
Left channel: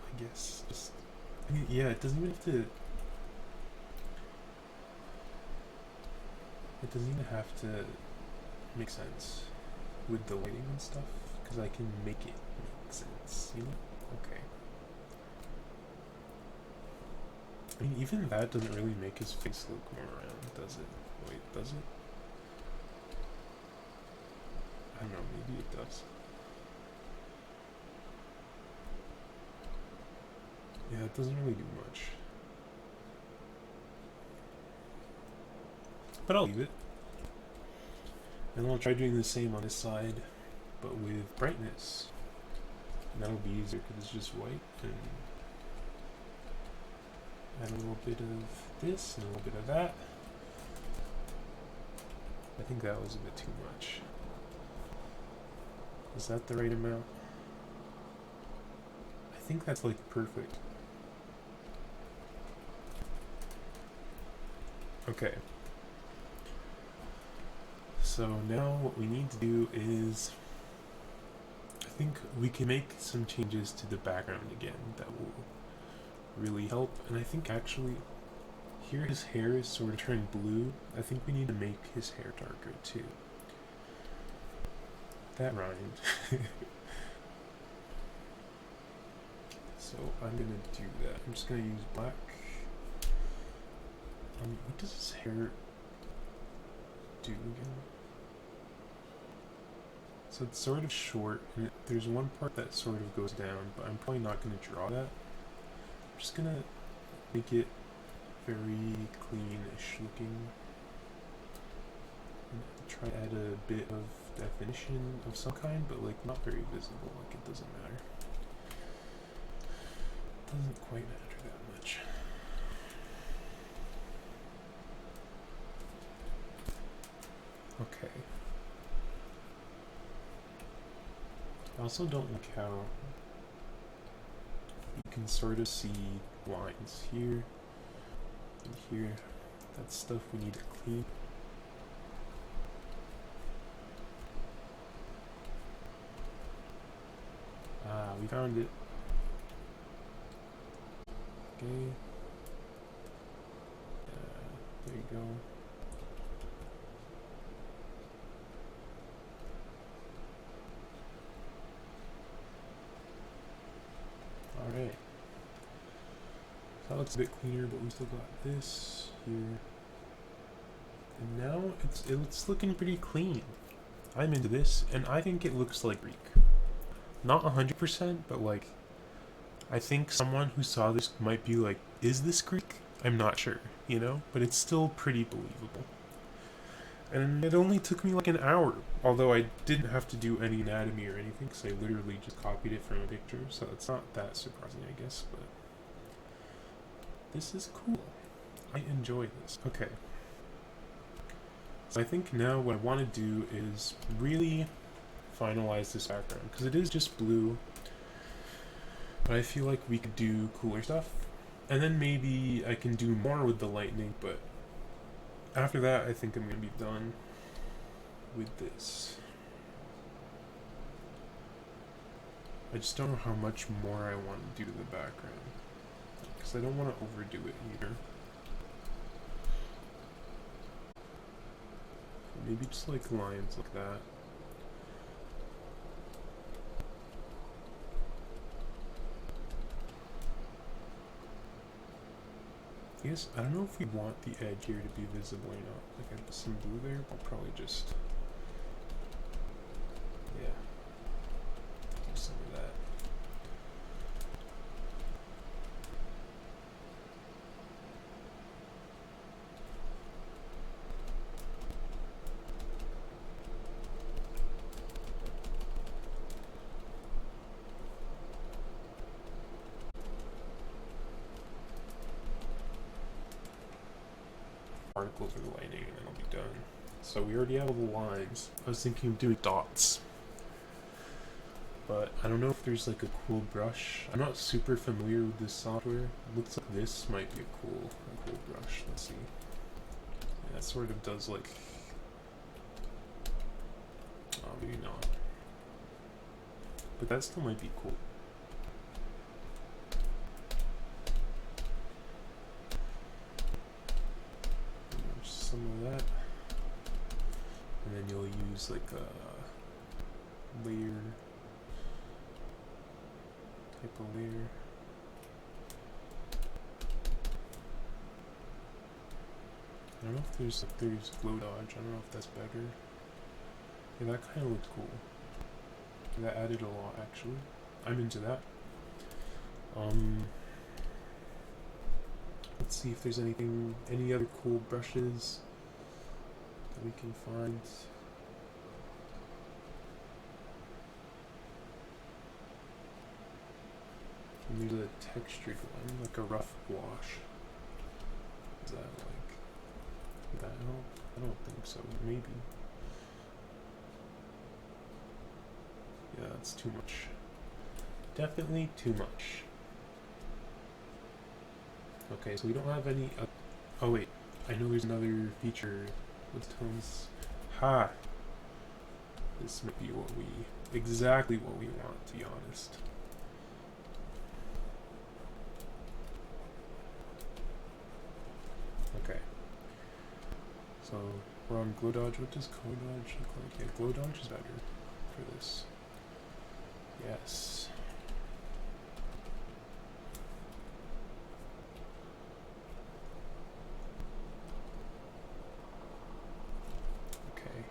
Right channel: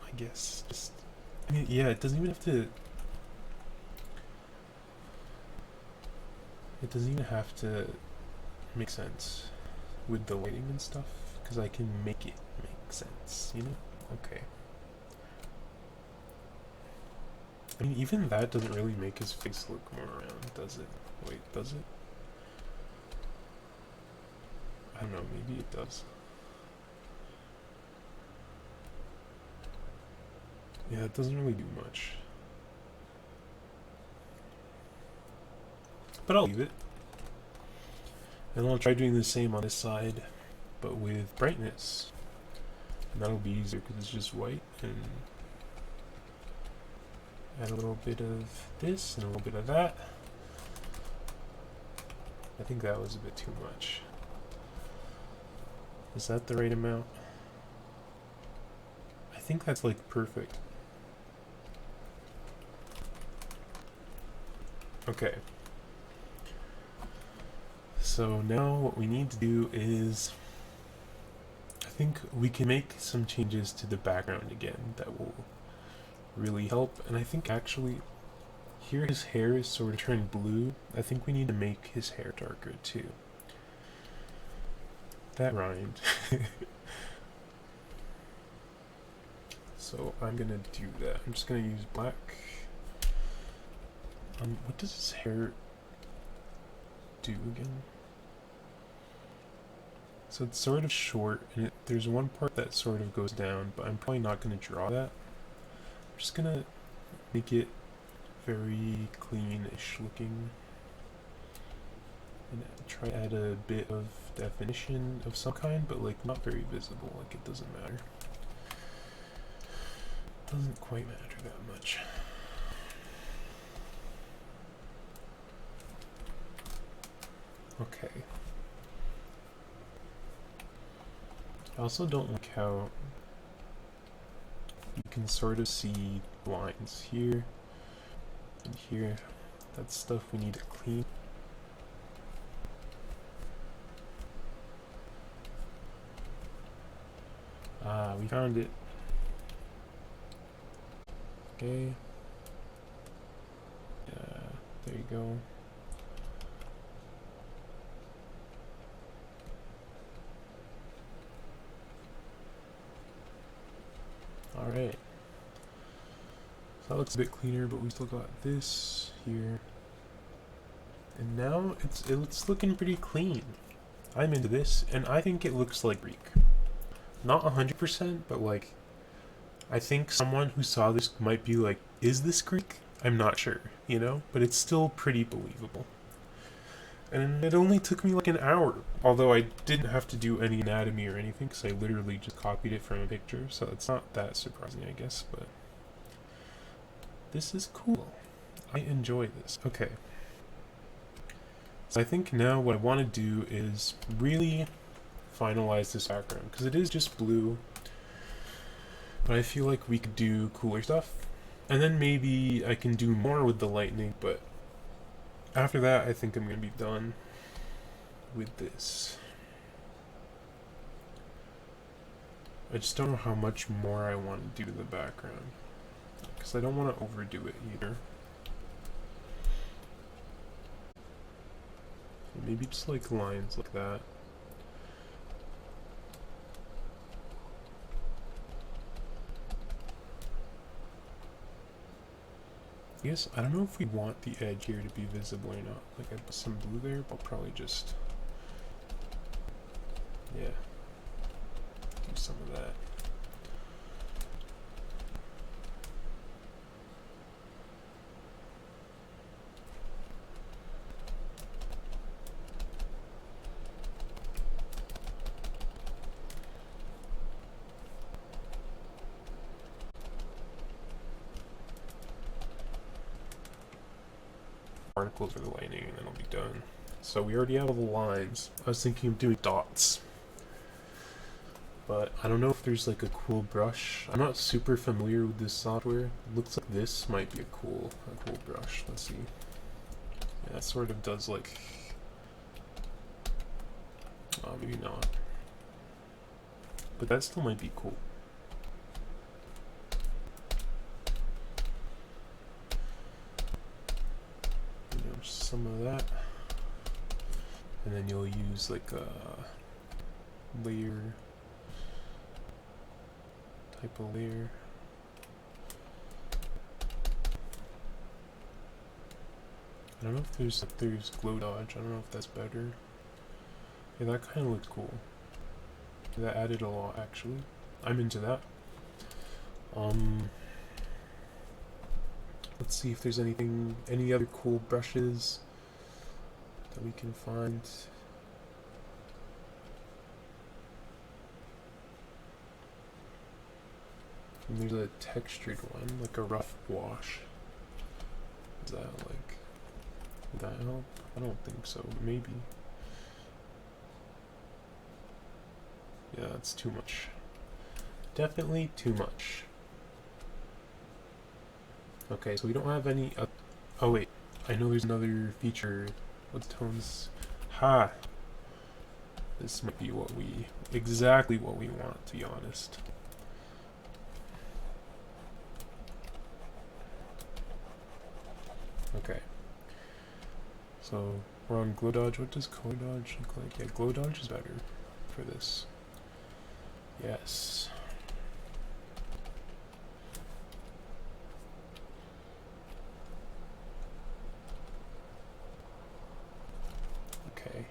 I guess just. I mean, yeah, it doesn't even have to. It doesn't even have to make sense with the lighting and stuff, because I can make it make sense, you know? Okay. I mean, even that doesn't really make his face look more round, does it? Wait, does it? I don't know, maybe it does. Yeah, it doesn't really do much. But I'll leave it. And I'll try doing the same on this side, but with brightness. And that'll be easier because it's just white, and add a little bit of this and a little bit of that. I think that was a bit too much. Is that the right amount? I think that's like perfect. Okay. So now what we need to do is, I think we can make some changes to the background again that will really help. And I think actually here his hair is sort of turned blue. I think we need to make his hair darker too. That rhymed. So I'm gonna do that. I'm just gonna use black. What does his hair do again? So it's sort of short, and there's one part that sort of goes down, but I'm probably not going to draw that. I'm just going to make it very clean-ish looking. And try to add a bit of definition of some kind, but like not very visible, like it doesn't matter. It doesn't quite matter that much. Okay. I also don't like how you can sort of see lines here and here. That's stuff we need to clean. Ah, we found it. Okay. There you go. Alright. So that looks a bit cleaner, but we still got this here. And now it's looking pretty clean. I'm into this, and I think it looks like Greek. Not 100%, but like, I think someone who saw this might be like, is this Greek? I'm not sure, you know? But it's still pretty believable. And it only took me like an hour, although I didn't have to do any anatomy or anything, because I literally just copied it from a picture, so it's not that surprising, I guess, but this is cool. I enjoy this. Okay. So I think now what I want to do is really finalize this background, because it is just blue, but I feel like we could do cooler stuff, and then maybe I can do more with the lightning, but after that I think I'm going to be done with this. I just don't know how much more I want to do to the background. because I don't want to overdo it either. Maybe just like lines like that. Yes, I don't know if we want the edge here to be visible or not. Like I put some blue there, but I'll probably just, yeah, do some of that. Particles for the lightning, and then I'll be done. So we already have all the lines. I was thinking of doing dots, but I don't know if there's like a cool brush. I'm not super familiar with this software. Looks like this might be a cool brush. Let's see. Yeah, it sort of does like, oh, maybe not, but that still might be cool. Some of that, and then you'll use like a layer type of layer. I don't know if there's glow dodge. I don't know if that's better. Yeah, that kind of looks cool. That added a lot actually. I'm into that. Let's see if there's any other cool brushes that we can find. And there's a textured one, like a rough wash. Is that like, would that help? I don't think so, maybe. Yeah, that's too much. Definitely too much. Okay, so we don't have any, oh wait, I know there's another feature. What tones? Ha! This might be exactly what we want, to be honest. Okay. So, we're on glow dodge. What does glow dodge look like? Yeah, glow dodge is better for this. Yes. Okay.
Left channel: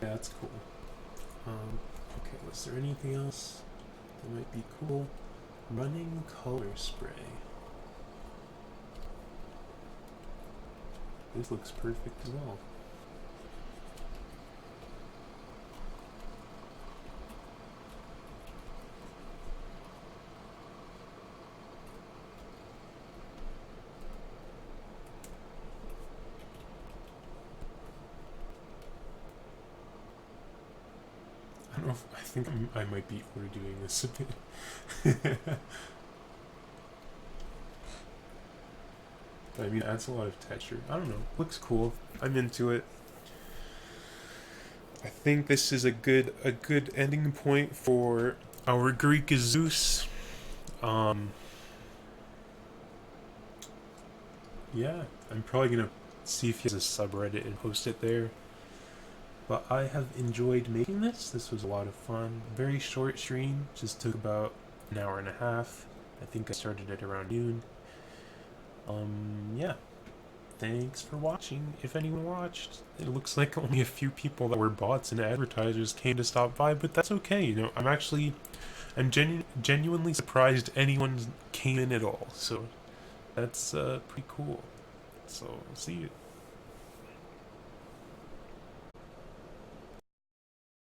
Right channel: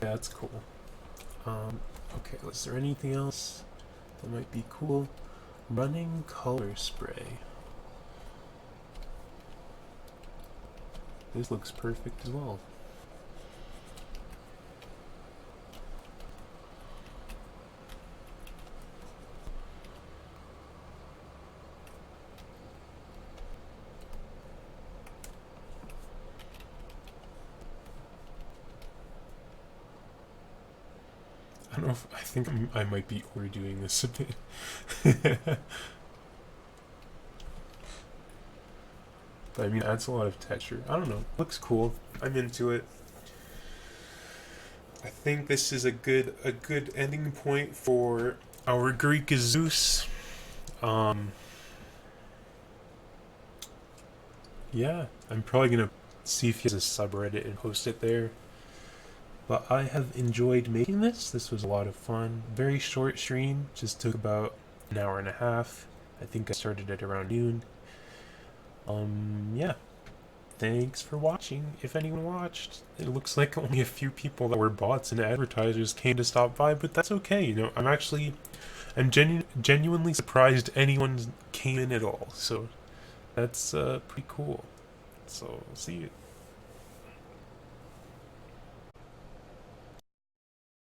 Yeah, that's cool. Okay, is there anything else that might be cool? Running color spray. This looks perfect as well. I don't know if, I think I might be overdoing this a bit. But I mean, it adds a lot of texture. I don't know. Looks cool. I'm into it. I think this is a good ending point for our Greek Zeus. Yeah, I'm probably gonna see if he has a subreddit and post it there. But I have enjoyed making this. This was a lot of fun. Very short stream. Just took about an hour and a half. I think I started at around noon. Yeah. Thanks for watching, if anyone watched. It looks like only a few people that were bots and advertisers came to stop by, but that's okay, you know. I'm genuinely surprised anyone came in at all, so that's pretty cool. So, see you.